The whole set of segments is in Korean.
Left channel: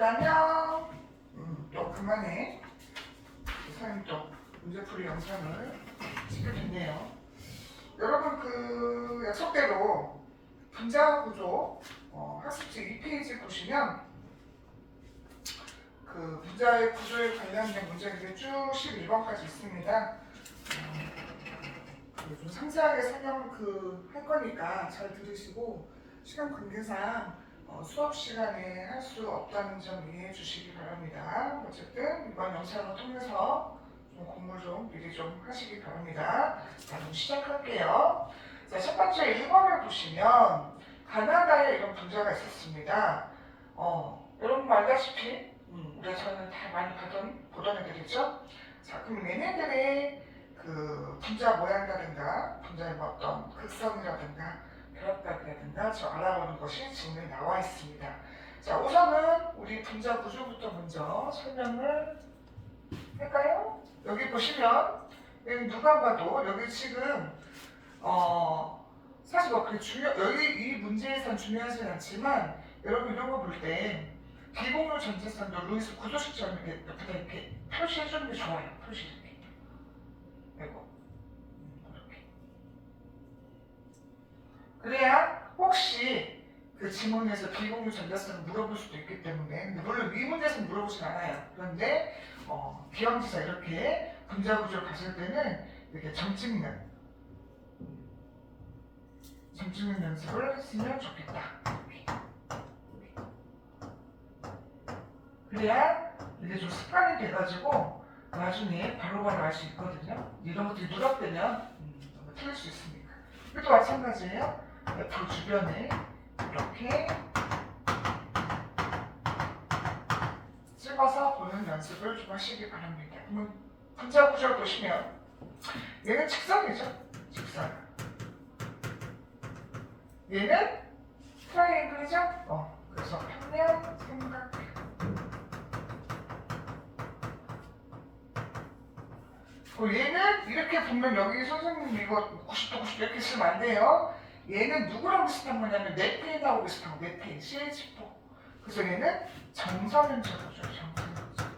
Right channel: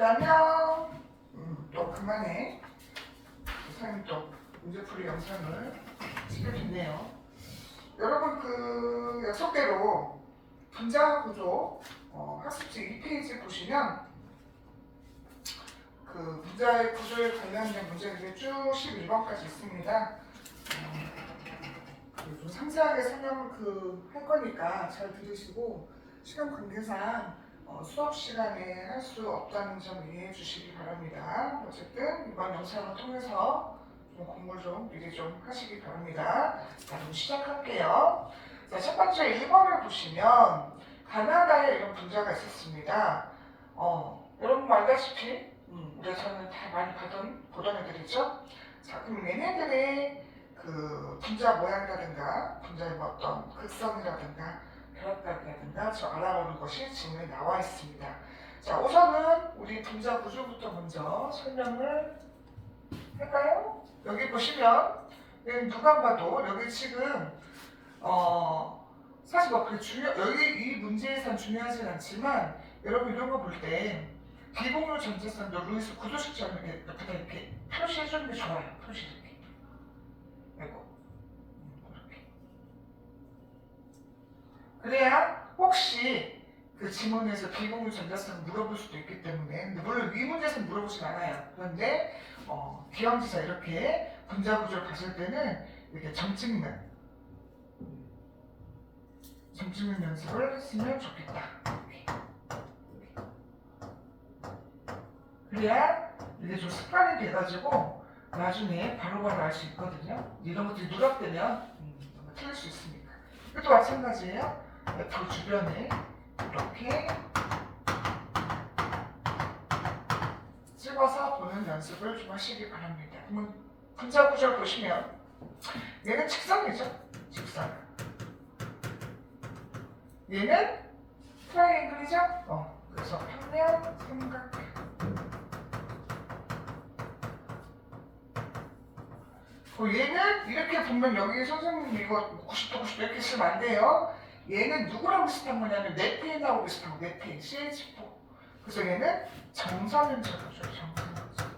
있다면 또 그만해. 선생님 또 문제풀이 영상을 찍겠네요. 여러분 그 약속대로 분자 구조 학습지 2페이지 보시면 그 분자의 구조에 관련된 문제들이 쭉 11번까지 있습니다. 좀 상세하게 설명 할 거니까 잘 들으시고 시간 관계상 수업 시간에 할 수 없다는 점 이해해 주시기 바랍니다. 어쨌든 이번 영상을 통해서 좀 공부를 좀 미리 좀 하시기 바랍니다. 자, 그럼 시작할게요. 자, 첫 번째 1번을 보시면 가나다에 이런 분자가 있었습니다. 여러분 알다시피 우리에서는 다 많이 보던 애들이죠. 자, 그럼 얘네들의 그 분자 모양이라든가 분자의 어떤 극성이라든가 결합각이라든가 저 알아보는 것이 지문에 나와 있습니다. 자, 우선은 우리 분자 구조부터 먼저 설명을 할까요? 여기 보시면 여기 누가 봐도 여기 지금 사실 뭐 여기 이 문제에선 중요하진 않지만 여러분 이런 거 볼 때 비공유 전체성도 루이스 구조식처럼 옆에다 이렇게 표시해주는 게 좋아요. 표시 이렇게. 이거 이렇게. 그래야 혹시 그 지문에서 비공유 전자성을 물어볼 수도 있기 때문에, 근데 물론 이 문제에서 물어보진 않아요. 그런데 기왕지사 이렇게 분자 구조를 가질 때는 이렇게 점 찍는 연습을 했으면 좋겠다. 그래야 이게 좀 습관이 돼가지고 나중에 바로바로 알 수 있거든요. 이런 것들이 누락되면 틀릴 수 있으니까. 이것도 마찬가지예요. F 주변에 이렇게 찍어서 보는 연습을 좀 하시기 바랍니다. 그러면 분자 구조를 보시면 얘는 직선이죠. 직선. 얘는 트라이앵글이죠. 그래서 평면 삼각형. 얘는 이렇게 보면 여기 선생님 이거 90도 90도 이렇게 쓰면 안 돼요. 얘는 누구랑 비슷한 거냐면 네페인하고 비슷한 거. 네페인 CH4. 그래서 얘는 정사면적이죠. 정사면적.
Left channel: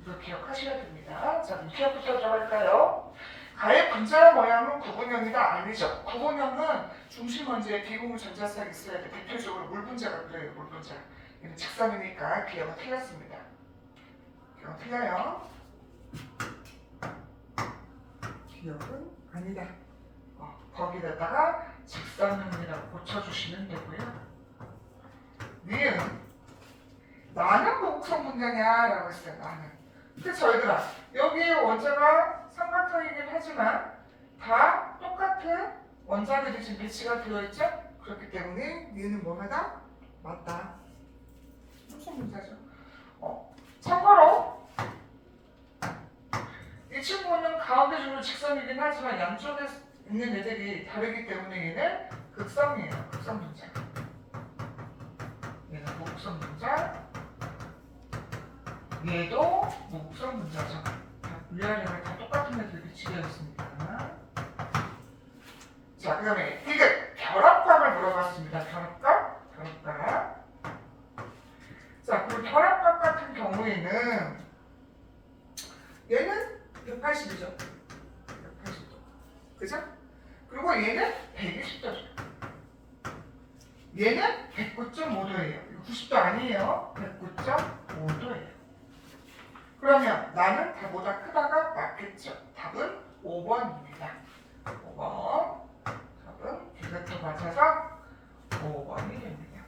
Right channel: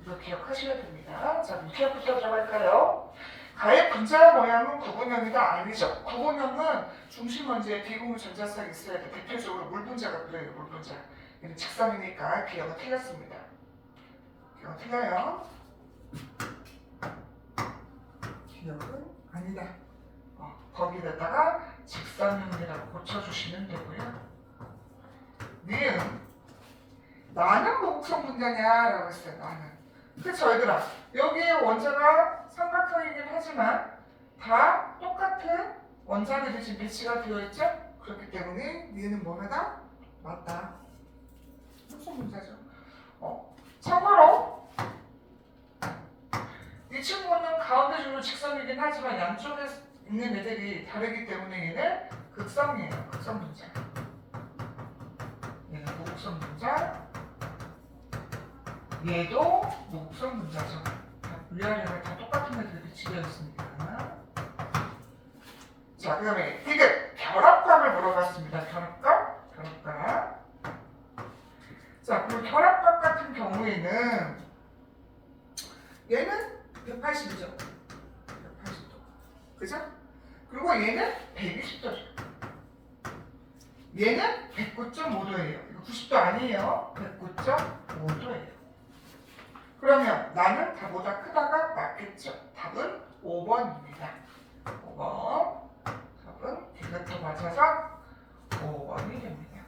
이거 기억하셔야 됩니다. 자, 그럼 기억부터 들어갈까요? 가의 분자 모양은 구분형이다? 아니죠. 구분형은 중심 원지에 비공유 전자쌍이 있어야 돼. 대표적으로 물분자가 그래요. 물분자. 얘는 직선이니까 기억은 틀렸습니다. 기억은 틀려요. 기억은 아니다. 거기다가 직선형이라고 고쳐주시면 되고요. 니은 나는 무극성 분자냐? 라고 했어요. 나는. 그쵸 얘들아. 여기에 원자가 삼각형이긴 하지만 다 똑같은 원자들이 지금 배치가 되어 있죠? 그렇기 때문에 니는 뭐마다? 맞다. 무슨 문제죠? 참고로 이 친구는 가운데 줄로 직선이긴 하지만 양쪽에 있는 애들이 다르기 때문에 얘는 극성이에요. 극성 분자. 얘는 무극성 분자. 얘도 무극성 분자죠. 위아래가 다 똑같은 애들이 배치되어 있으니까. 자, 그 다음에 이게 결합각을 물어봤습니다. 결합각? 결합각. 자, 그리고 결합각 같은 경우에는 얘는 180이죠. 180도. 그죠? 그리고 얘는 120도죠. 얘는 109.5도예요. 이거 90도 아니에요. 109.5도예요. 그러면 나는 다보다 크다가 맞겠죠. 답은 5번입니다. 5번. 답은 디귿도 맞아서 5번이 됩니다.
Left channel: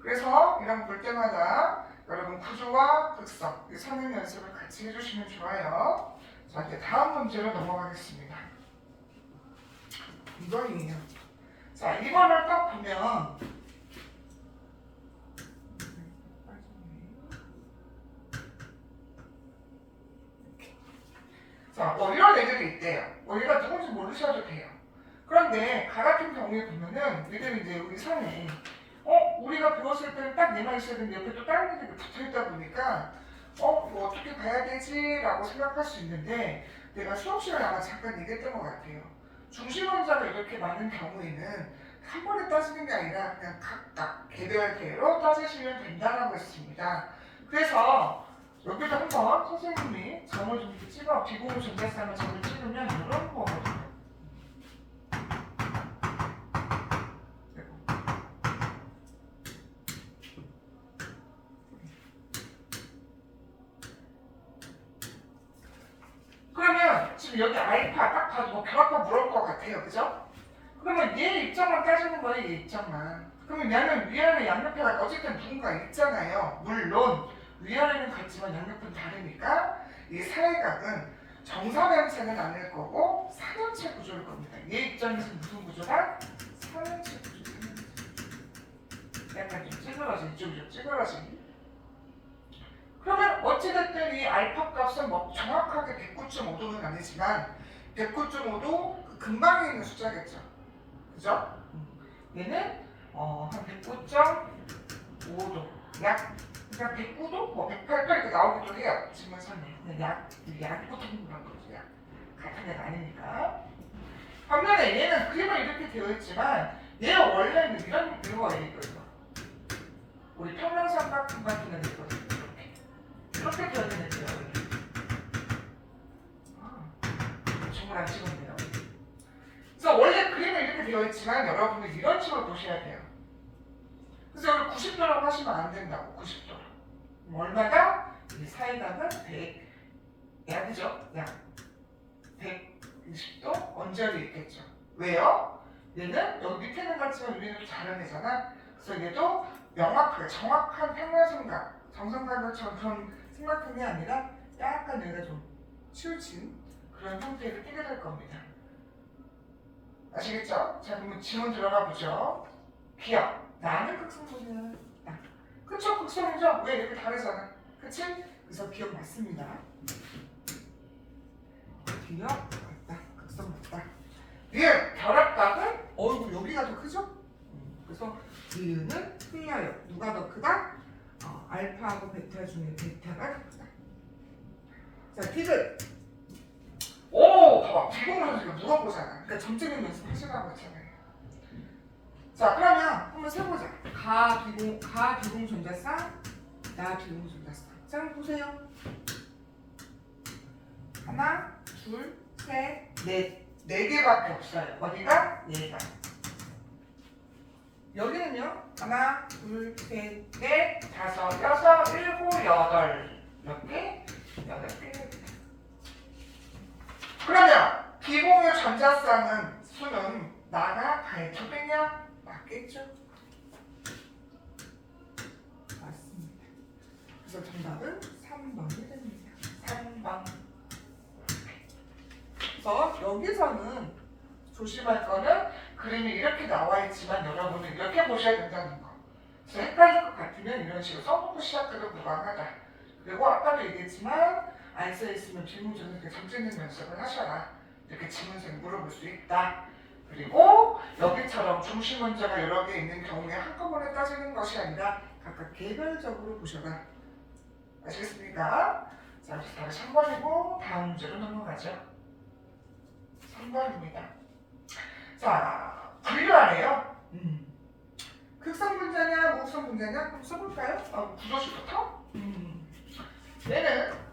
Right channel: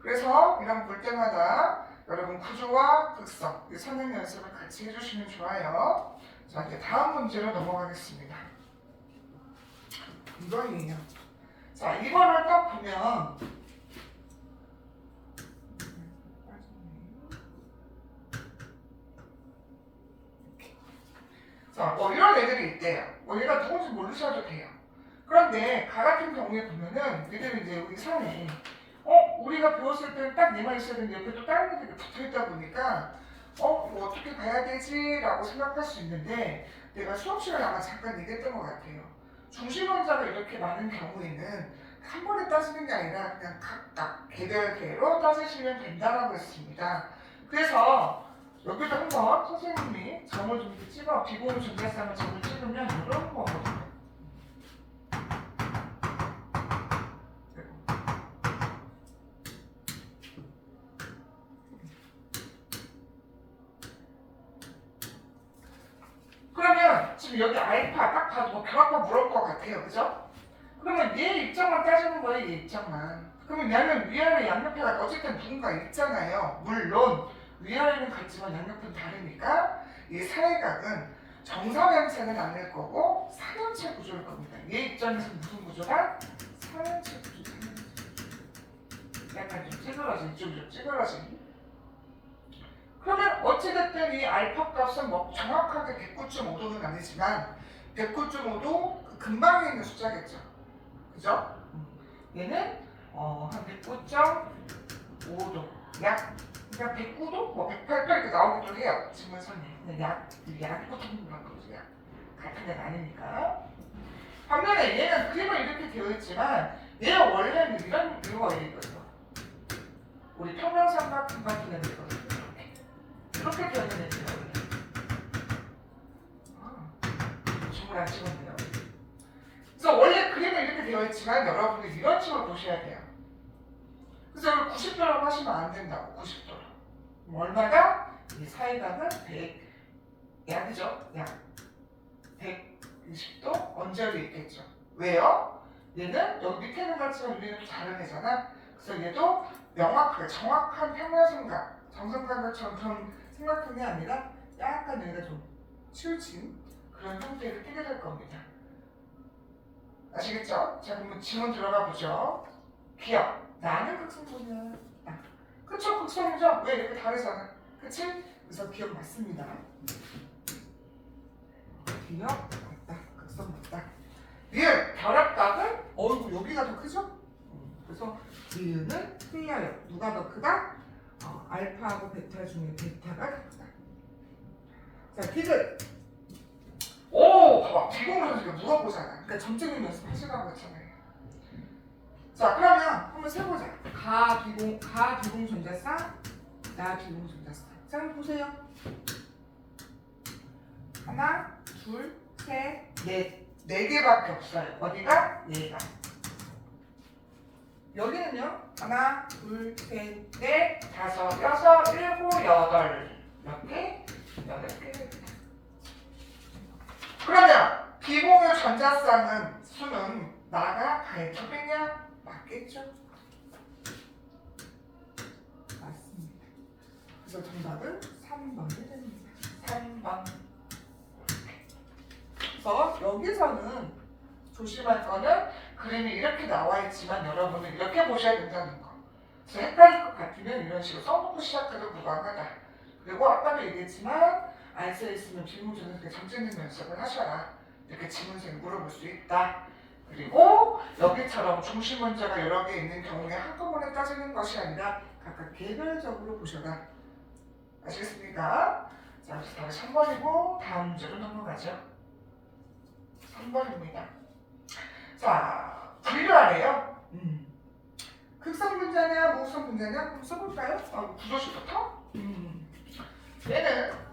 그래서 이런 볼 때마다 여러분 구조와 극성, 이 선행 연습을 같이 해주시면 좋아요. 자, 이제 다음 문제로 넘어가겠습니다. 2번이에요. 자, 2번을 딱 보면 자, 이런 애들이 있대요. 얘가 누군지 모르셔도 돼요. 그런데 가 같은 경우에 보면은 얘들은 이제 여기 선에 우리가 배웠을 때는 딱 얘만 있어야 되는데 옆에 또 다른 애들이 붙어있다 보니까 이거 어떻게 봐야 되지? 라고 생각할 수 있는데 내가 수업 시간에 아마 잠깐 얘기했던 것 같아요. 중심 원자가 이렇게 많은 경우에는 한 번에 따지는 게 아니라 그냥 각각 개별개로 따지시면 된다고 했습니다. 그래서 여기도 한번 선생님이 점을 좀 이렇게 찍어 비공유 전자쌍을 점을 찍으면 이런 거거든요. 그러면 지금 여기 알파 딱 봐도 뭐 결합과 물을 것 같아요. 그죠? 그러면 얘 입장만 따지는 거예요. 얘 입장만. 그러면 얘는 위아래 양옆에가 어쨌든 누군가 있잖아요. 물론 위아래는 같지만 양옆은 다르니까 이 사회각은 정사면체는 아닐 거고 삼면체 구조일 겁니다. 얘 입장에서 무슨 구조라? 삼면체 구조. 약간 좀 찌그러진, 이쪽이 좀 찌그러진. 그러면 어찌됐든 이 알파 값은 뭐 정확하게 109.5도는 아니지만 109.5도 그 근방에 있는 숫자겠죠. 그죠? 얘는 한 109.5도 약 그냥 109도? 뭐 108도 이렇게 나오기도 해요. 지문선에 약이 붙어있는 그런 거죠. 약 같은 애가 아니니까. 반면에 얘는 그림은 이렇게 되어 있지만 얘가 원래는 이런 거예요. 우리 평면삼각형 같은 애들이거든요. 이렇게 되어 있는 애들이에요. 줌을 안 찍었네요. 그래서 원래 그림은 이렇게 되어 있지만 여러분들 이런 식으로 보셔야 돼요. 그래서 여기 90도라고 하시면 안 된다고. 90도로. 얼마가? 이 사이각은 100, 약이죠? 약 120도 언저리 있겠죠. 왜요? 얘는 여기 밑에 있는 같지만 위에는 또 다른 애잖아. 그래서 얘도 명확하게 정확한 평면삼각, 정삼각형처럼 그런 삼각형이 아니라 약간 얘가 좀 치우친 그런 형태를 띠게 될 겁니다. 아시겠죠? 자, 그러면 지문 들어가 보죠. 기억. 나는 극성분이야. 그쵸? 극성이죠? 왜 이렇게 다르잖아. 그치? 그래서 기억 맞습니다. 기억 맞다. 극성 맞다. 리을 결합각은 어이구 여기가 더 크죠? 그래서 리을은 틀려요. 누가 더 크다? 알파하고 베타 중에 베타가 더 크다. 자, 디귿. 오, 봐봐. 비공을 선수가 물어보잖아. 그러니까 점찍는 연습 하시라고 했잖아요. 자, 그러면 한번 세보자. 가 비공 전자쌍, 나 비공 전자쌍. 자, 한번 보세요. 하나, 둘, 셋, 넷. 4개밖에 없어요. 어디가? 얘가. 여기는요. 하나, 둘, 셋, 넷, 다섯, 여섯, 일곱, 여덟. 몇 개? 8개. 그러면 비공유 전자쌍은 수는 나가 가의 2배냐? 맞겠죠? 맞습니다. 그래서 정답은 3번이 됩니다. 3번. 그래서 여기서는 조심할 거는 그림이 이렇게 나와 있지만 여러분은 이렇게 보셔야 된다는 거. 그래서 헷갈릴 것 같으면 이런 식으로 써놓고 시작해도 무방하다. 그리고 아까도 얘기했지만 안 써있으면 비문제는 이렇게 점찍는 연습을 하셔라. 이렇게 지문생이 물어볼 수 있다. 그리고 여기처럼 중심 문제가 여러 개 있는 경우에 한꺼번에 따지는 것이 아니라 각각 개별적으로 보셔라. 아시겠습니까? 자, 다시 3번이고 다음 문제로 넘어가죠. 3번입니다. 자, 분류하래요. 극성 분자냐, 무극성 분자냐? 한번 써볼까요? 구조식부터? 얘는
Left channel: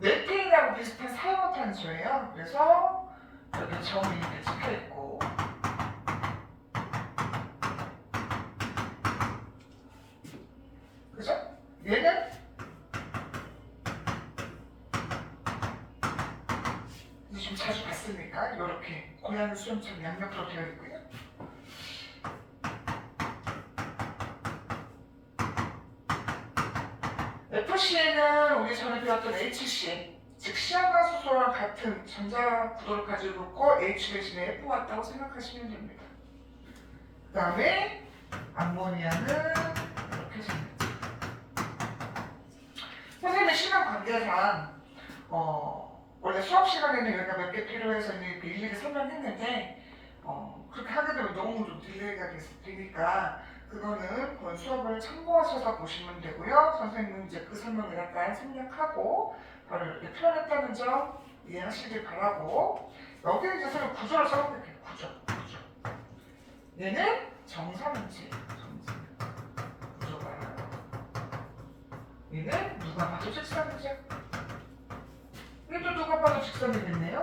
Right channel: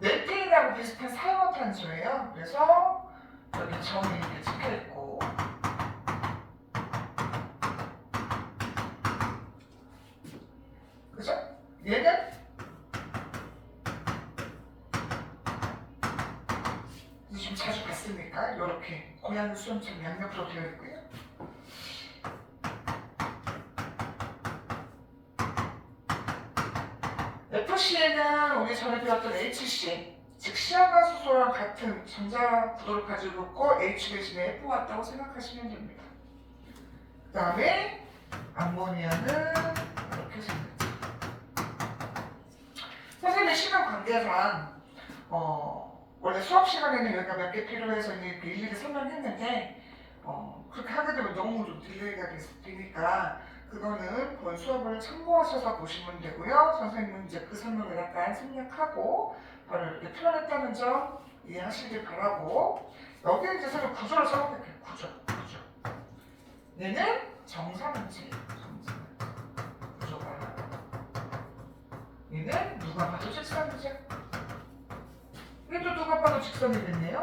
메틸이랑 비슷한 사용화탄소예요. 그래서 여기 점이 이렇게 찍혀있고 그죠? 얘는 지금 자주 봤으니까 이렇게 고양이 수염처럼 양옆으로 되어 있고요. FC에는 우리 전에 배웠던 HC, 즉 시아가수소랑 같은 전자 구도를 가지고 있고 H 대신에 F 왔다고 생각하시면 됩니다. 그 다음에 암모니아는 이렇게 생겼죠. 선생님의 시간 관계상 원래 수업 시간에는 여기가 몇 개 필요해서 이렇게 일일이 설명했는데 그렇게 하게 되면 너무 좀 딜레이가 되니까 그거는 본 수업을 참고하셔서 보시면 되고요. 선생님은 이제 그 설명을 약간 생략하고 바로 이렇게 표현했다는 점 이해하시길 바라고, 여기 이제 선생님 구조를 써볼게요. 구조. 얘는 정사면체. 구조가. 얘는 누가 봐도 직선이죠. 얘도 누가 봐도 직선이겠네요.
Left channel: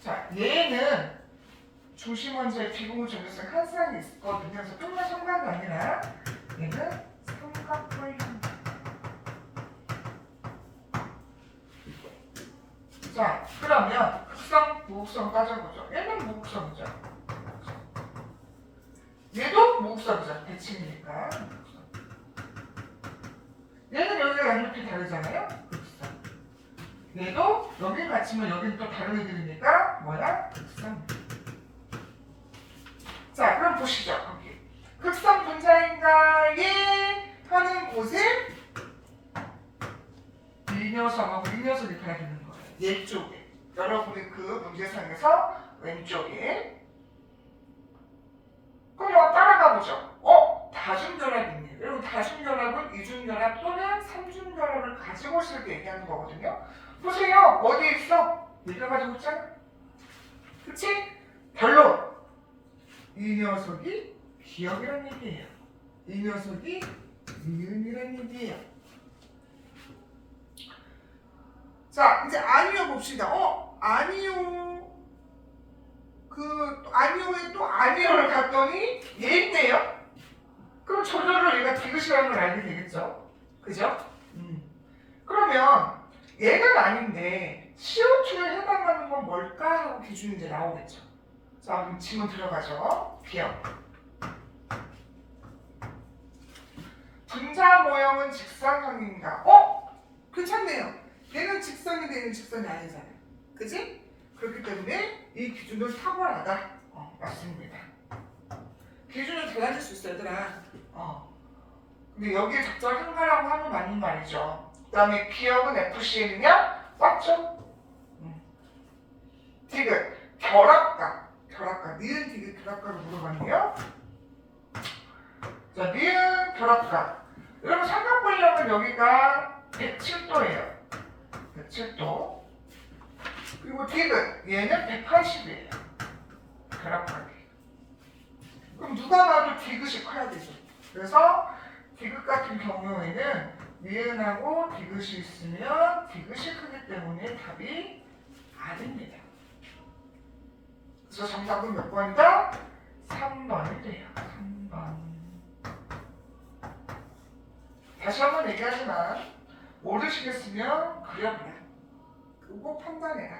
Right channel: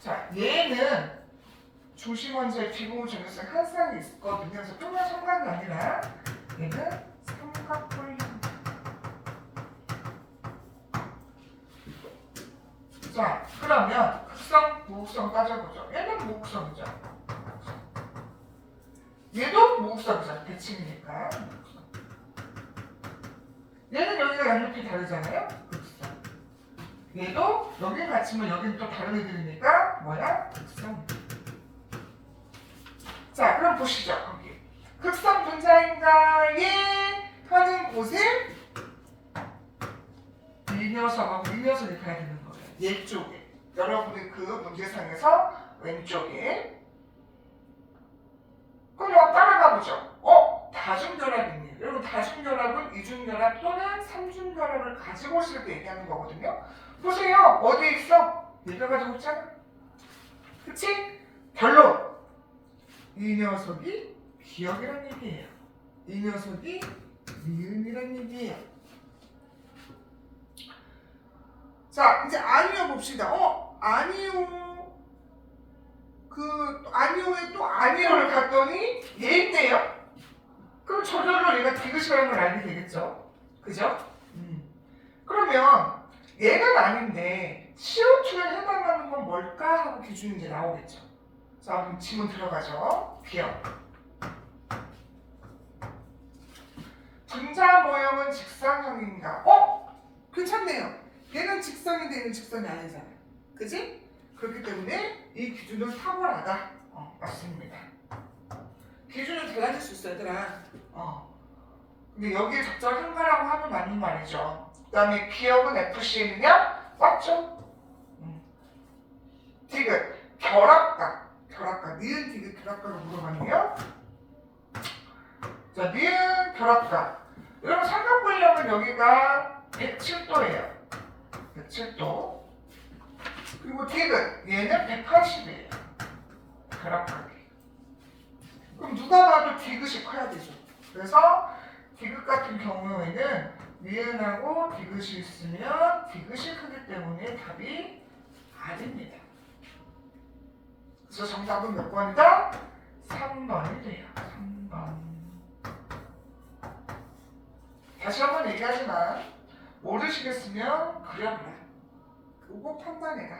자, 얘는 중심원소의 비공유 정렬성 한쌍이 있거든요. 그래서 평면 삼각이 아니라 얘는 삼각뿔. 자, 그러면 극성, 무극성 따져보죠. 얘는 무극성이죠. 얘도 무극성이죠. 대칭이니까. 얘는 여기가 양옆이 다르잖아요. 극성. 얘도 여기 같이면 여기는 또 다른 애들이니까 뭐야? 극성. 자, 그럼 보시죠. 거기 극성 분자인가에 하는 곳은 이 녀석하고 이 녀석이 가야 되는 거예요. 얘 쪽에. 여러분이 그 문제상에서 왼쪽에. 그럼 이거 따라가 보죠. 다중결합이네요. 여러분 다중결합은 이중결합 또는 삼중결합을 가지고 있을 때 얘기하는 거거든요. 보세요. 어디에 있어? 얘가 가지고 있잖아. 그치? 결론. 이 녀석이 기억이란 얘기예요. 이 녀석이 미음이란 얘기예요. 자, 이제 아니오 봅시다. 아니오. 아니오에 또 아니오를 갔더니 얘 있네요. 그럼 저절로 얘가 디귿이라는 걸 알게 되겠죠. 그죠? 그러면 얘는 아닌데 CO2에 해당하는 건 뭘까 하고 기준이 이제 나오겠죠. 자, 그럼 지문 들어가죠. 기억. 분자 모형은 직선형인가? 괜찮네요. 얘는 직선인데 얘는 직선이 아니잖아요. 그지? 그렇기 때문에 이 기준은 탁월하다. 맞습니다. 기준은 달라질 수 있어, 얘들아. 근데 여기에 적절한가라고 하면 맞는 말이죠. 그 다음에 기억은 FCN이냐? 맞죠? 디귿. 결합각. 니은 디귿 결합각을 물어봤네요. 자, 니은 결합각. 여러분 삼각분력은 여기가 107도예요. 107도. 그리고 디귿. 얘는 180이에요. 결합각이. 그럼 누가 봐도 디귿이 커야 되죠. 그래서 디귿 같은 경우에는 니은하고 디귿이 있으면 디귿이 크기 때문에 답이 아닙니다. 그래서 정답은 몇 번이다? 3번이 돼요. 3번. 다시 한번 얘기하지만 모르시겠으면 그려보라. 그리고 판단해라.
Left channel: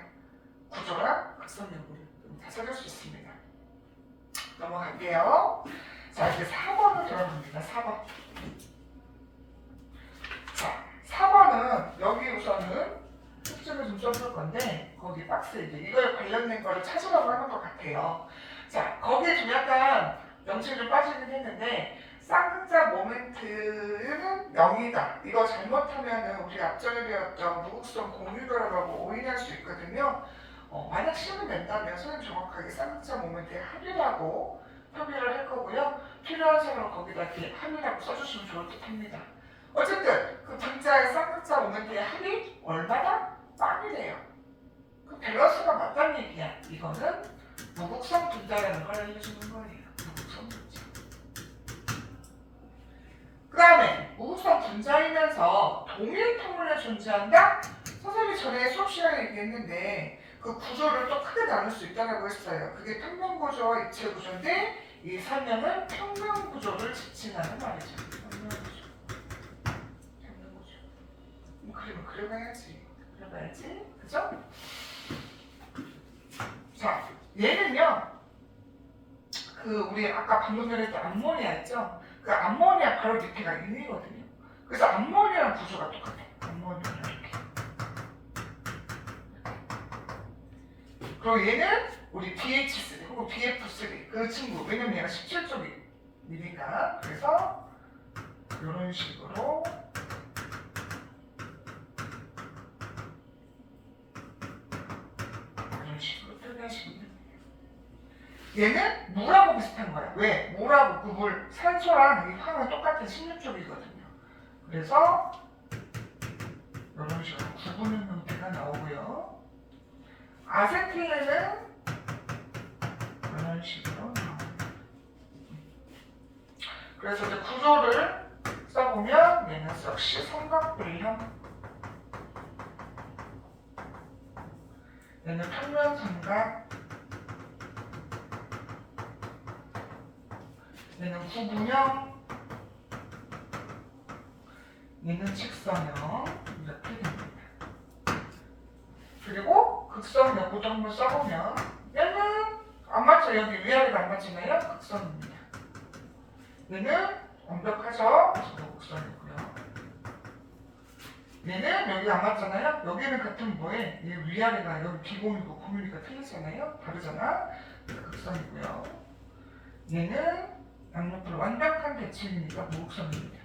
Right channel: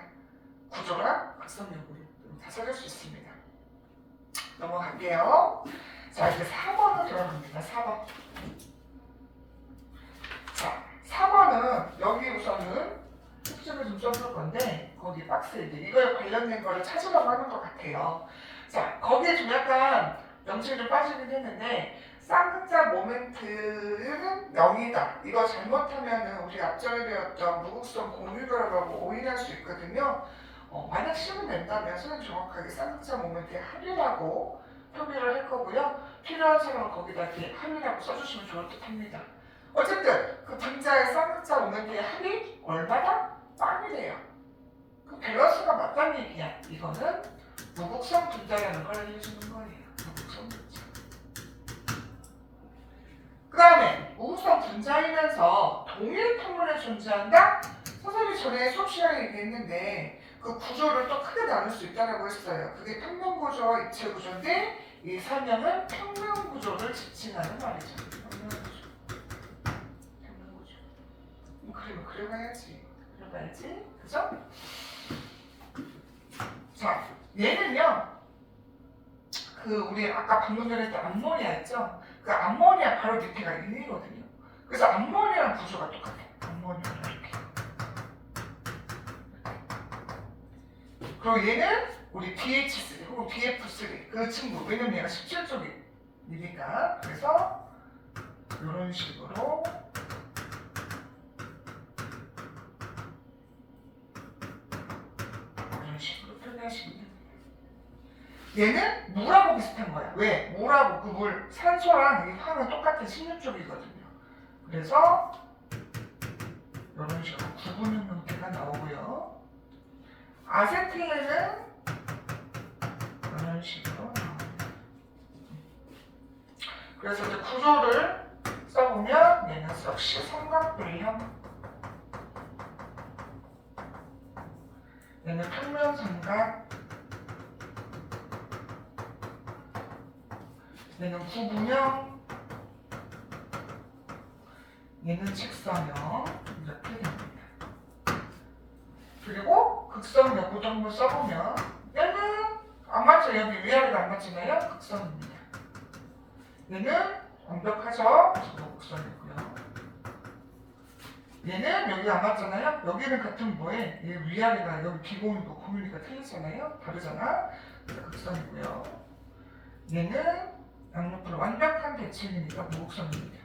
구조랑 극성 여부를 다 찾을 수 있습니다. 넘어갈게요. 자, 이제 4번으로 들어갑니다. 4번. 자, 4번은 여기 우선은 특징을 좀 써볼 건데 거기 박스에 이제 이거에 관련된 거를 찾으라고 하는 것 같아요. 자, 거기에 좀 약간 명칭이 좀 빠지긴 했는데 쌍극자 모멘트는 0이다. 이거 잘못하면 우리 앞전에 배웠던 무극성 공유결합하고 오인할 수 있거든요. 만약 시험을 낸다면 선생님 정확하게 쌍극자 모멘트의 합이라고 표기를 할 거고요. 필요한 사람은 거기다 이렇게 합이라고 써주시면 좋을 듯 합니다. 어쨌든 그 분자의 쌍극자 모멘트의 합이 얼마다? 빵이래요. 그 밸런스가 맞다는 얘기야. 이거는 무극성 분자라는 걸 알려주는 거예요. 무극성 분자. 그 다음에 무극성 분자이면서 동일 평면에 존재한다? 선생님이 전에 수업 시간에 얘기했는데 그 구조를 또 크게 나눌 수 있다고 했어요. 그게 평면 구조와 입체 구조인데 이 설명은 평면 구조를 지칭하는 말이죠. 평면 구조. 그러면 그려봐야지. 그죠? 자, 얘는요. 우리 아까 방금 전에 했던 암모니아 했죠? 그 암모니아 바로 밑에가 1이거든요. 그래서 암모니아랑 구조가 똑같아요. 암모니아랑 이렇게. 그리고 얘는 우리 BH3 혹은 BF3 그 친구. 왜냐면 얘가 17쪽이니까. 그래서 이런 식으로 표현하시면 됩니다. 얘는 물하고 비슷한 거야. 왜? 물하고 그 물, 산소랑 이 황은 똑같은 16쪽이거든요. 그래서 이런 식으로 구분의 형태가 나오고요. 아세틸레는 이런 식으로 나옵니다. 그래서 이제 구조를 써보면 얘는 역시 삼각불형, 얘는 평면삼각, 얘는 구분형, 얘는 직선형 이렇게 됩니다. 그리고 극선 여부도 한번 써보면 얘는 안 맞죠? 여기 위아래가 안 맞잖아요? 극선입니다. 얘는 완벽하죠? 그래서 극선이고요. 얘는 여기 안 맞잖아요? 여기는 같은 뭐에 얘 위아래가 여기 기공이고 고밀리가 틀리잖아요? 다르잖아? 그래서 극선이고요. 얘는 양옆으로 완벽한 대칭이니까 무극선입니다.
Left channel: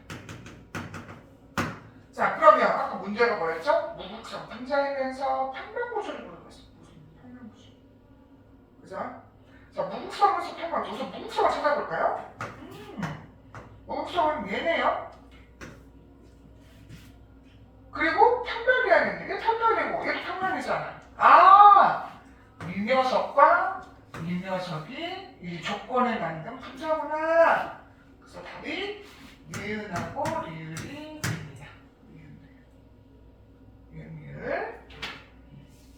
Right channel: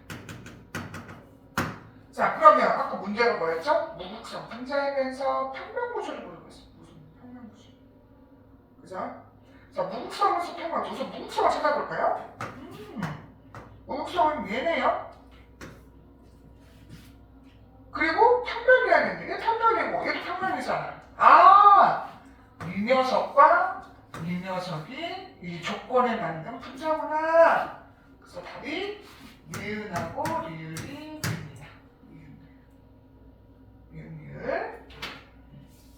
자, 그러면 아까 문제가 뭐였죠? 무극선 분자이면서 평면구조를 모르고 있어. 무슨 평면구조? 그죠? 자, 무극선에서 평면구조. 우선 무극선을 찾아볼까요? 무극선은 얘네요. 그리고 평면이라는 게 평면이고 얘도 평면이잖아. 아! 이 녀석과 이 녀석이 이 조건에 맞는 분자구나. 그래서 답이 니은하고 리을이 됩니다. 니은.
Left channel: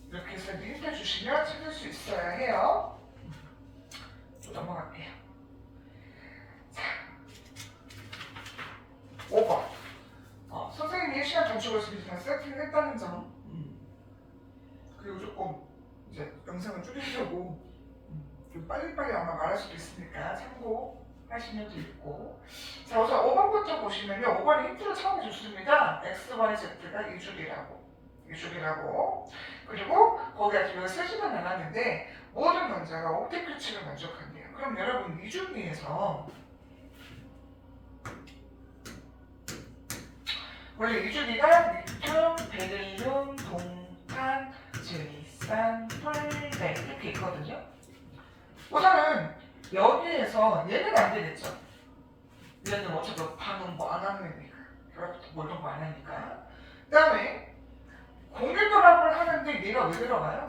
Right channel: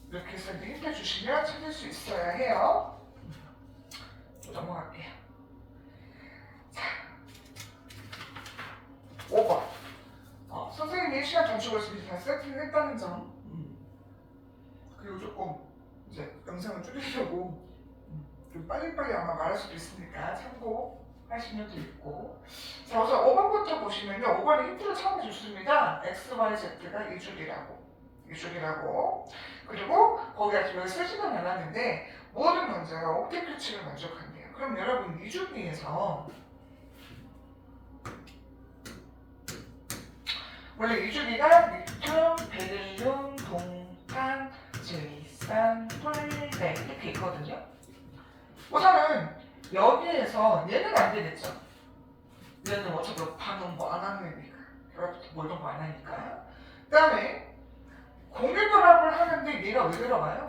이렇게 해서 힌트 주시면 찾을 수 있어야 해요. 또 넘어갈게요. 자, 5번. 선생님이 시간 단축을 다 세팅했다는 점. 그리고 조금 이제 영상을 줄이려고 좀 빨리빨리 아마 말할 수도 있으니까 참고하시면 되겠고. 자, 우선 5번부터 보시면요. 5번에 힌트를 처음 줬습니다. X, Y, Z가 이줄이라고. 그리고 거기가 지금 쓰지는 않았는데 모든 문제가 옥텟 규칙을 만족한대요. 그럼 여러분 이 중에서 원래 이주기가 리튬, 베릴륨, 동탄, 질산, 폴레 이렇게 있거든요. 우선은 여기에서 얘는 안 되겠죠. 얘는 어차피 반응 뭐 안 하는 애니까. 결합부터 뭐 이런 거 안 하니까. 그 다음에 공유 결합을 하는데 얘가 왜 들어가요?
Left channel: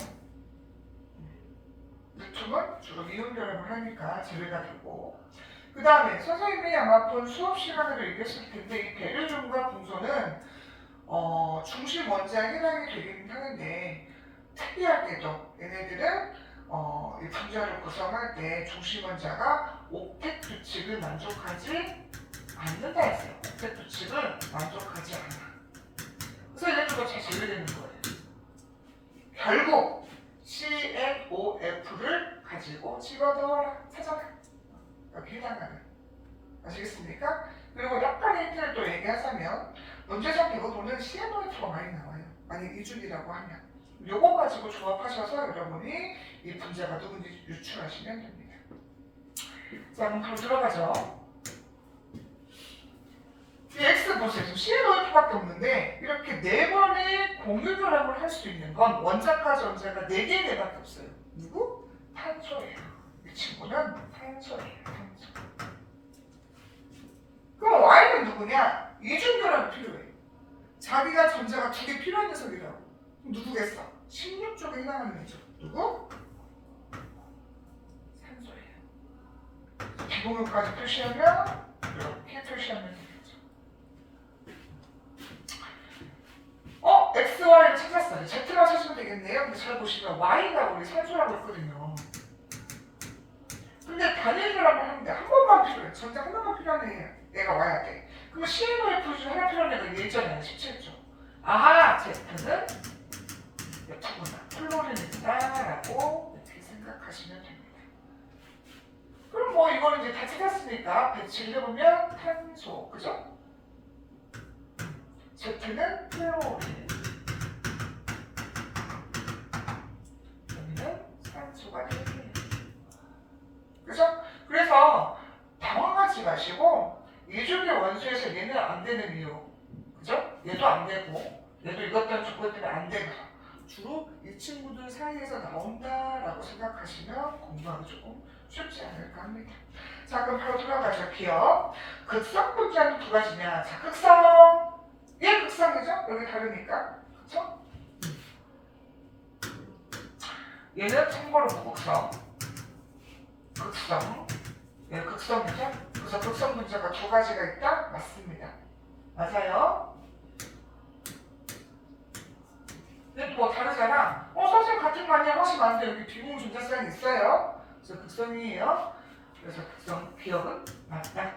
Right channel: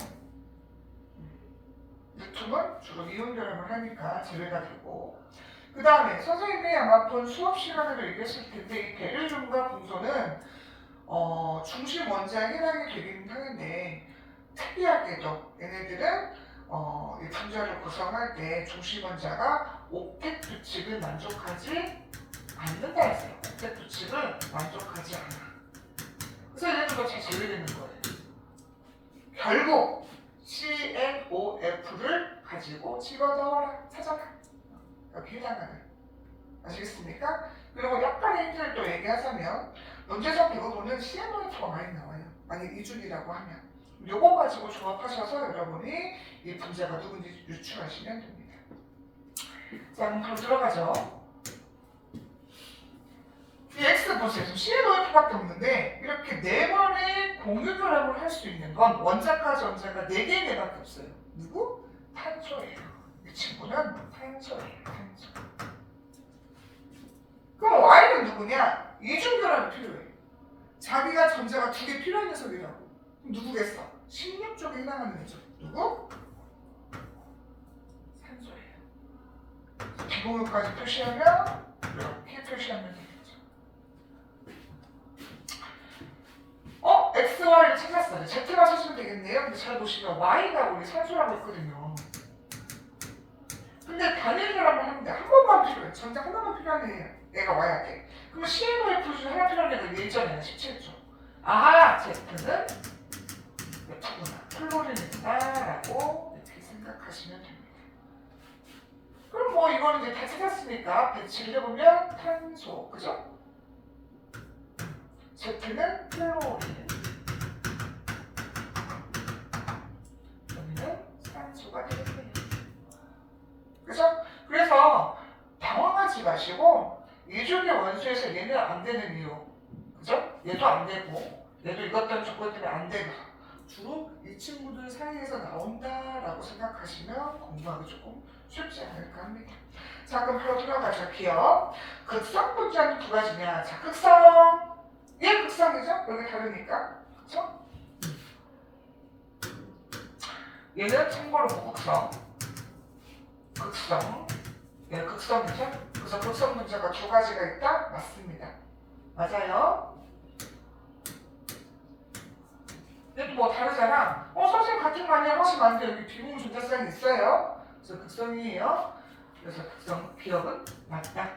리튬은 주로 이온 결합을 하니까 제외가 되고. 그 다음에 선생님이 아마 본 수업 시간으로 얘기했을 텐데 이 베릴륨과 분소는 중심 원자에 해당이 되긴 하는데 특이하게도 얘네들은 이 분자를 구성할 때 중심 원자가 옥텟 규칙을 만족하지 않는다 했어요. 옥텟 규칙을 만족하지 않아. 그래서 얘네들과 잘 제외되는 거예요. 결국 CNOF를 가지고 집어넣어라. 찾아라. 여기 해당하는. 아시겠습니까? 그리고 약간의 힌트를 또 얘기하자면 문제적 대부분은 CNOF가 많이 나와요. 만약 이중이라고 하면. 요거 가지고 조합하셔서 여러분이 이 분자가 누군지 유추하시면 됩니다. 자, 그럼 바로 들어가죠. 이 X 보세요. 지금 CNOF밖에 없는데 이렇게 4번의 공유 결합을 할 수 있는 건 원자까지 원자가 4개의 애밖에 없어요. 누구? 탄소예요. 이 친구는 탄소예요. 탄소. 그럼 Y는 누구냐? 이중 결합이 필요해. 자기가 전자가 2개 필요한 녀석이라고. 그럼 누구겠어? 16쪽에 해당하는 애죠. 누구? 산소예요. 비공유까지 표시하면 이렇게 표시하면 되겠죠. X, Y를 찾았어요. Z만 찾으면 되겠네요. 근데 잘 보시면 Y가 우리 산소라고 했거든요. 근데 단일 결합을 하는데 한 번만 필요해. 전자 하나만 필요한 애가 와야 돼. 그러면 CNOF 중 하나 필요한 애가 예전에 17조. 아하, Z는 F구나. 플로린이구나 라고 이렇게 생각하시면 됩니다. 그럼 뭐 이거는 이제 다 찾았으니까 배치를 해보면 탄소, 그죠? Z는 플로린, 여기는 산소가 되게. 그죠? 그래서 당황하지 마시고 이중의 원소에서 얘는 안 되는 이유, 그죠? 얘도 안 되고 얘도 이것 때문에 저것 때문에 안 되고 주로 이 친구들 사이에서 나온다라고 생각하시면 공부하기 조금 쉽지 않을까 합니다. 자, 그럼 바로 들어가죠. 기억. 극성 분자는 두 가지냐. 자, 극성. 얘 극성이죠? 여기 다르니까. 그쵸? 얘는 참고로 무극성. 극성. 얘는 극성이죠? 그래서 극성 분자가 두 가지가 있다? 맞습니다. 맞아요. 얘도 뭐 다르잖아. 선생님 같은 거 아니야? 훨씬 많은데 여기 비공 존재성이 있어요. 그래서 극성이에요. 그래서 극성 기억은 맞다.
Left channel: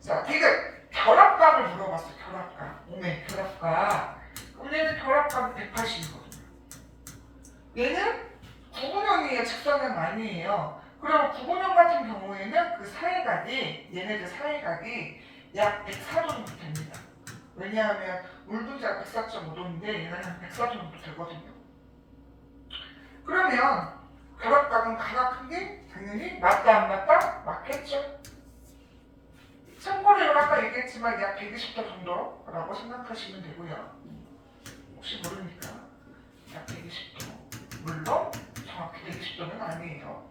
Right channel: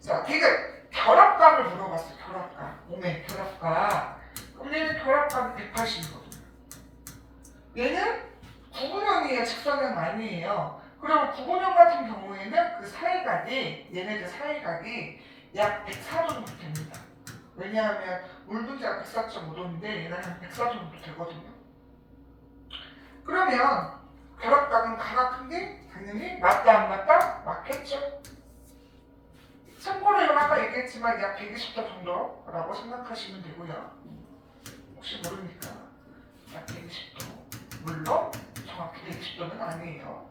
자, 디귿. 결합각을 물어봤어. 결합각. 오메 결합각. 그럼 얘는 결합각이 180이거든요. 얘는 구분형이에요. 직선형 아니에요. 그리고 구분형 같은 경우에는 그 사이각이 얘네들 사이각이 약 104 정도 됩니다. 왜냐하면 물분자가 104.5도인데 얘는 한 104 정도 되거든요. 그러면 결합각은 가가 큰 게 당연히 맞다 안 맞다? 맞겠죠. 참고로 이건 아까 얘기했지만 약 120도 정도라고 생각하시면 되고요. 혹시 모르니까 약 120도. 물론 정확히 120도는 아니에요.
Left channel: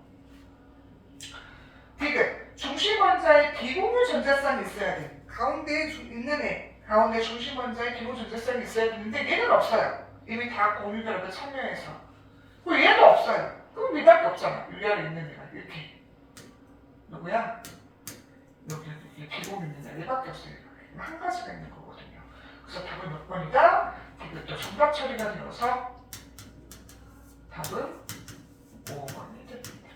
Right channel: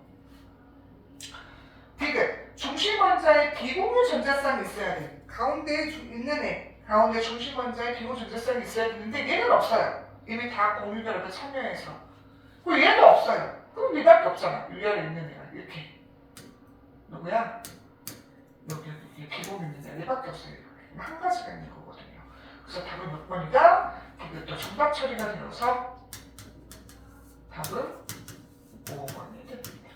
디귿. 중심 원자에 비공유 전자쌍이 있어야 돼. 가운데에 있는 애. 가운데 중심 원자에 비공유 전자쌍이 있어야 되는데 얘는 없어요. 이미 다 공유 결합에 참여해서. 그리고 얘도 없어요. 그럼 얘밖에 없잖아. 위아래 있는 애가 이렇게. 누구야? 여기 비공유입니다. 얘밖에 없어요. 한 가지가 있는 거거든요. 그래서 답은 몇 번이다? 디귿도 정답 처리가 되어서 답은 5번이 됩니다.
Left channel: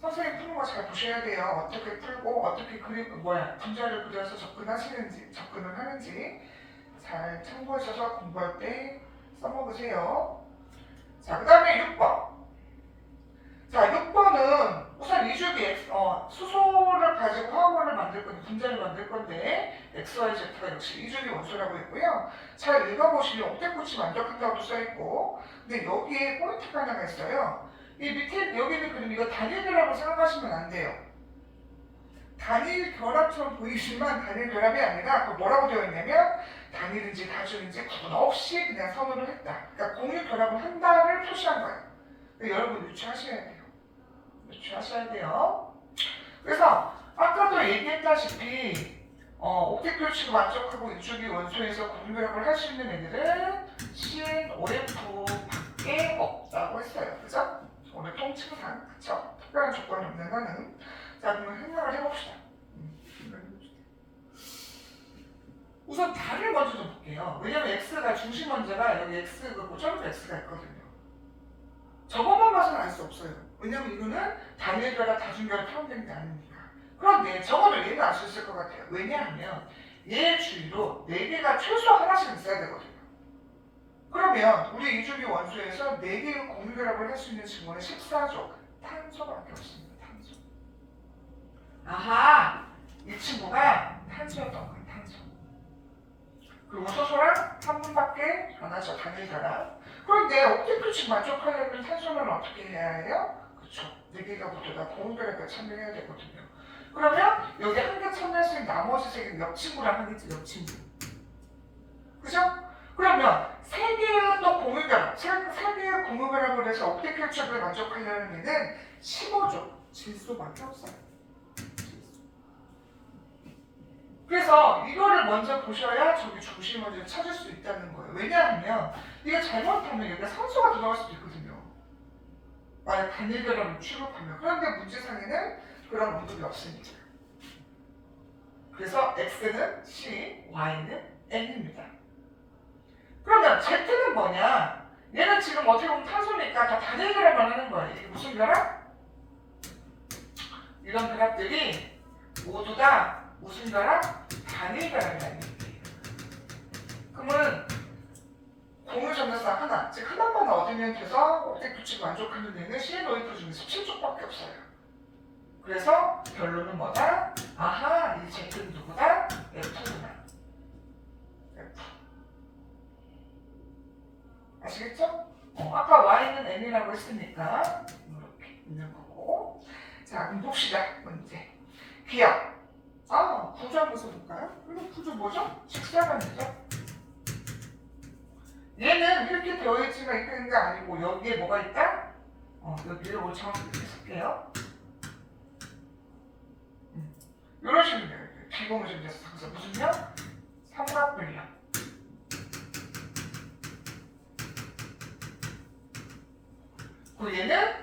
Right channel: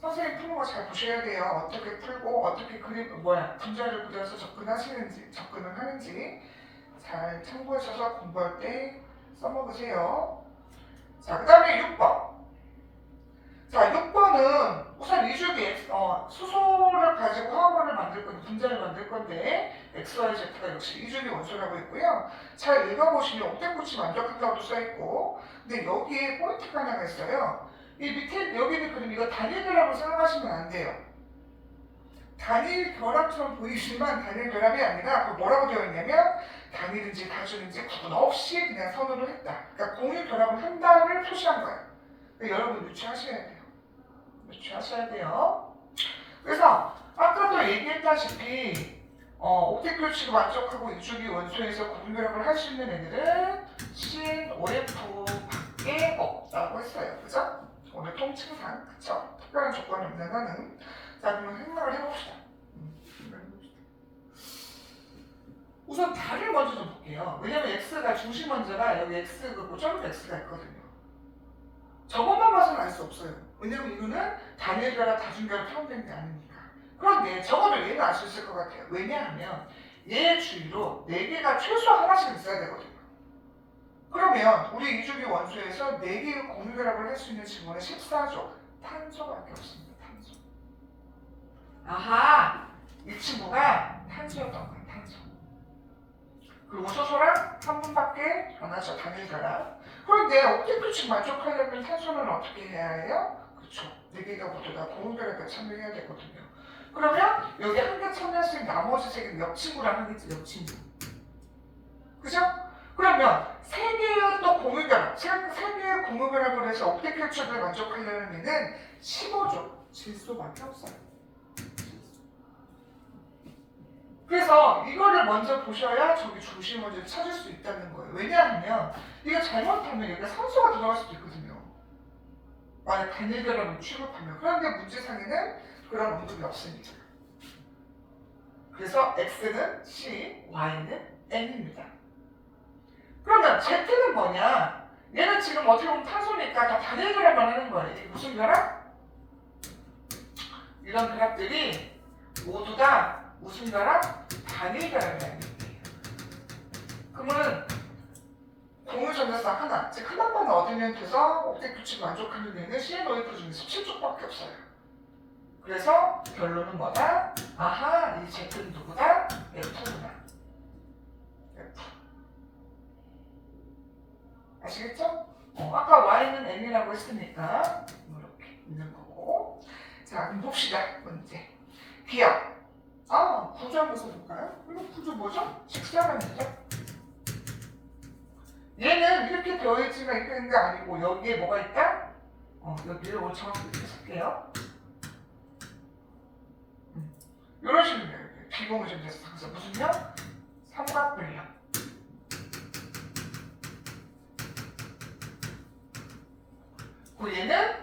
선생님 푸는 거 잘 보셔야 돼요. 어떻게 풀고 어떻게 분자를 그려서 접근을 하는지 잘 참고하셔서 공부할 때 써먹으세요. 자, 그 다음에 6번. 자, 6번은 우선 이주기 수소를 가지고 화합원을 만들 건데 분자를 만들 건데 XYZ가 역시 이주기 원소라고 있고요. 잘 읽어보시면 옥텟꽃이 만족한다고도 써있고, 근데 여기에 포인트가 하나가 있어요. 이 밑에 여기는 그럼 이거 단일 결합을 생각하시면 안 돼요. 단일 결합처럼 보이지만 단일 결합이 아니라 그 뭐라고 되어 있냐면 단일인지 다중인지 구분 없이 그냥 선언을 했다. 그러니까 공유 결합을 한다를 표시한 거예요. 여러분 유추하셔야 돼요. 유추하셔야 돼요. 그래서 아까도 얘기했다시피 옥텟 만족하고 이주기 원소에서 구분 결합을 할 수 있는 애들은 COF 밖에 없다고 했어요. 그죠? 오늘 통칭상, 그쵸? 특별한 조건이 없는 거는. 자, 그러면 생각을 해봅시다. 우선 답을 먼저 좀 볼게요. 왜냐면 X가 중심 원자가 여기 X, 그 고점도 X가 있거든요. 저것만 봐서는 알 수 없어요. 왜냐면 이거는 단일 결합, 다중 결합 표현된 게 아니니까. 그런데 저거를 얘는 알 수 있을 것 같아요. 왜냐하면 얘 주위로 4개가 최소 하나씩 있어야 되거든요. 그러면 우리 이주기 원소에서 4개의 공유 결합을 할 수 있는 증원은 14조. 탄소밖에 없습니다. 탄소. 아하! 이 친구가 탄소였던 거야. 탄소. 그리고 수소랑 한 분밖에 안 하죠. 단일 결합. 그런데 옥텟 만족하려면 탄소는 어떻게 해야 해요? 그쵸. 4개가 모두 다 공유 결합에 참여해야 되거든요. 그러면 여기 한 개 참여할 수 있는 나머지 3개는 옆 친구랑 하겠지. 옆 친구. 그죠? 그러면 3개의 또 공유결합, 3개의 공유결합을 해서 옥텟을 만족하려는 애는 15조 질소밖에 없어요. 그래서 이거를 먼저 보셔야 저기 중심 원소를 찾을 수 있다는 거예요. 왜냐하면 이거 잘못하면 여기가 산소가 들어갈 수도 있거든요. 만약 단일 결합을 취급하면. 그런데 문제상에는 그런 언급이 없습니다. 그래서 X는 C, Y는 N입니다. 그러면 Z는 뭐냐? 얘는 지금 어떻게 보면 탄소니까 다 단일 결합만 하는 거예요. 이게 무슨 결합? 이런 결합들이 모두 다 무슨 결합? 단일 결합이라는 얘기예요. 그러면 공유 전자쌍 하나, 즉 하나만 얻으면 돼서 옥텟 만족하는 애는 CNOF 중에서 7쪽밖에 없어요. 그래서 결론은 뭐다? 아하, 이 Z는 누구다? F구나. F. 아시겠죠? 아까 Y는 N이라고 했으니까 이렇게 있는 거고. 자, 그럼 봅시다. 문제. 기억. 구조 한번 써볼까요? 이거 구조 뭐죠? 직사각이죠? 얘는 이렇게 되어 있지만 이렇게 있는 게 아니고 여기에 뭐가 있다? 여기를 오늘 정확히 이렇게 쓸게요. 이런 식으로 돼요. 비공유전자쌍. 그래서 무슨요? 삼각분력. 그 얘는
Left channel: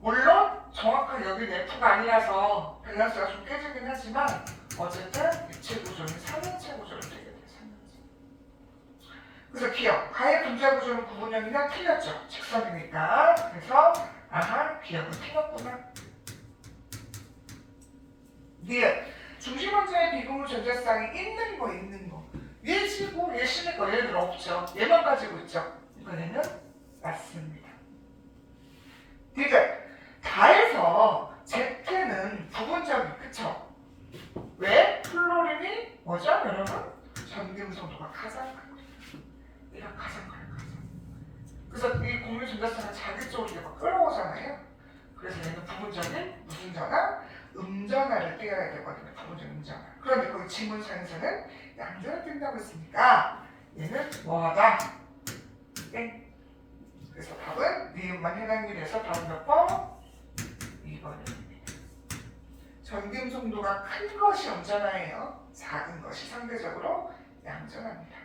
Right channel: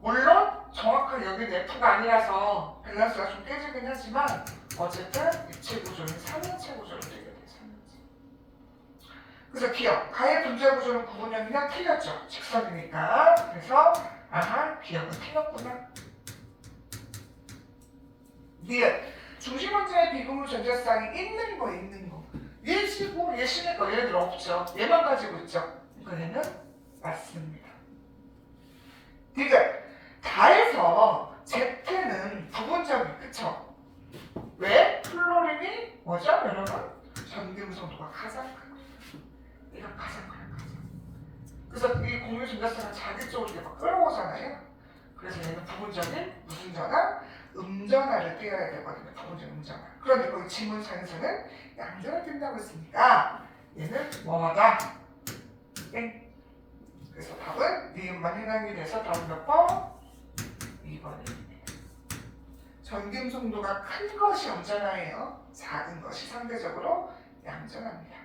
물론 정확한 여기 F가 아니라서 밸런스가 좀 깨지긴 하지만 어쨌든 입체 구조는 3인체 구조로 되게 돼요. 3인체. 그래서 기억. 가의 분자 구조는 구분형이랑 틀렸죠. 직선이니까. 그래서 기억은 틀렸구나. 니은. 중심 원자의 비공유 전자쌍이 있는 거 있는 거. 얘 C고 얘 C니까 얘들 없죠. 얘만 가지고 있죠. 그러니까 얘는 맞습니다. 디귿. 다에서 Z는 부분적이 그쵸? 왜? 플로린이 뭐죠 여러분? 전기음성도가 가장 큽니다. 얘가 가장 커요. 그래서 이 공유 전자쌍은 자기 쪽으로 이렇게 끌어오잖아요. 그래서 얘는 부분적인 무슨 전화? 음전화를 떼어야 되거든요. 부분적인 음전화. 그런데 거기 지문상에서는 양전을 띈다고 했으니까 얘는 뭐하다? 땡. 그래서 답은 니은만 해당이 돼서 다음 몇 번? 2번입니다. 전기음성도가 큰 것이 음전화예요. 작은 것이 상대적으로 양전화입니다.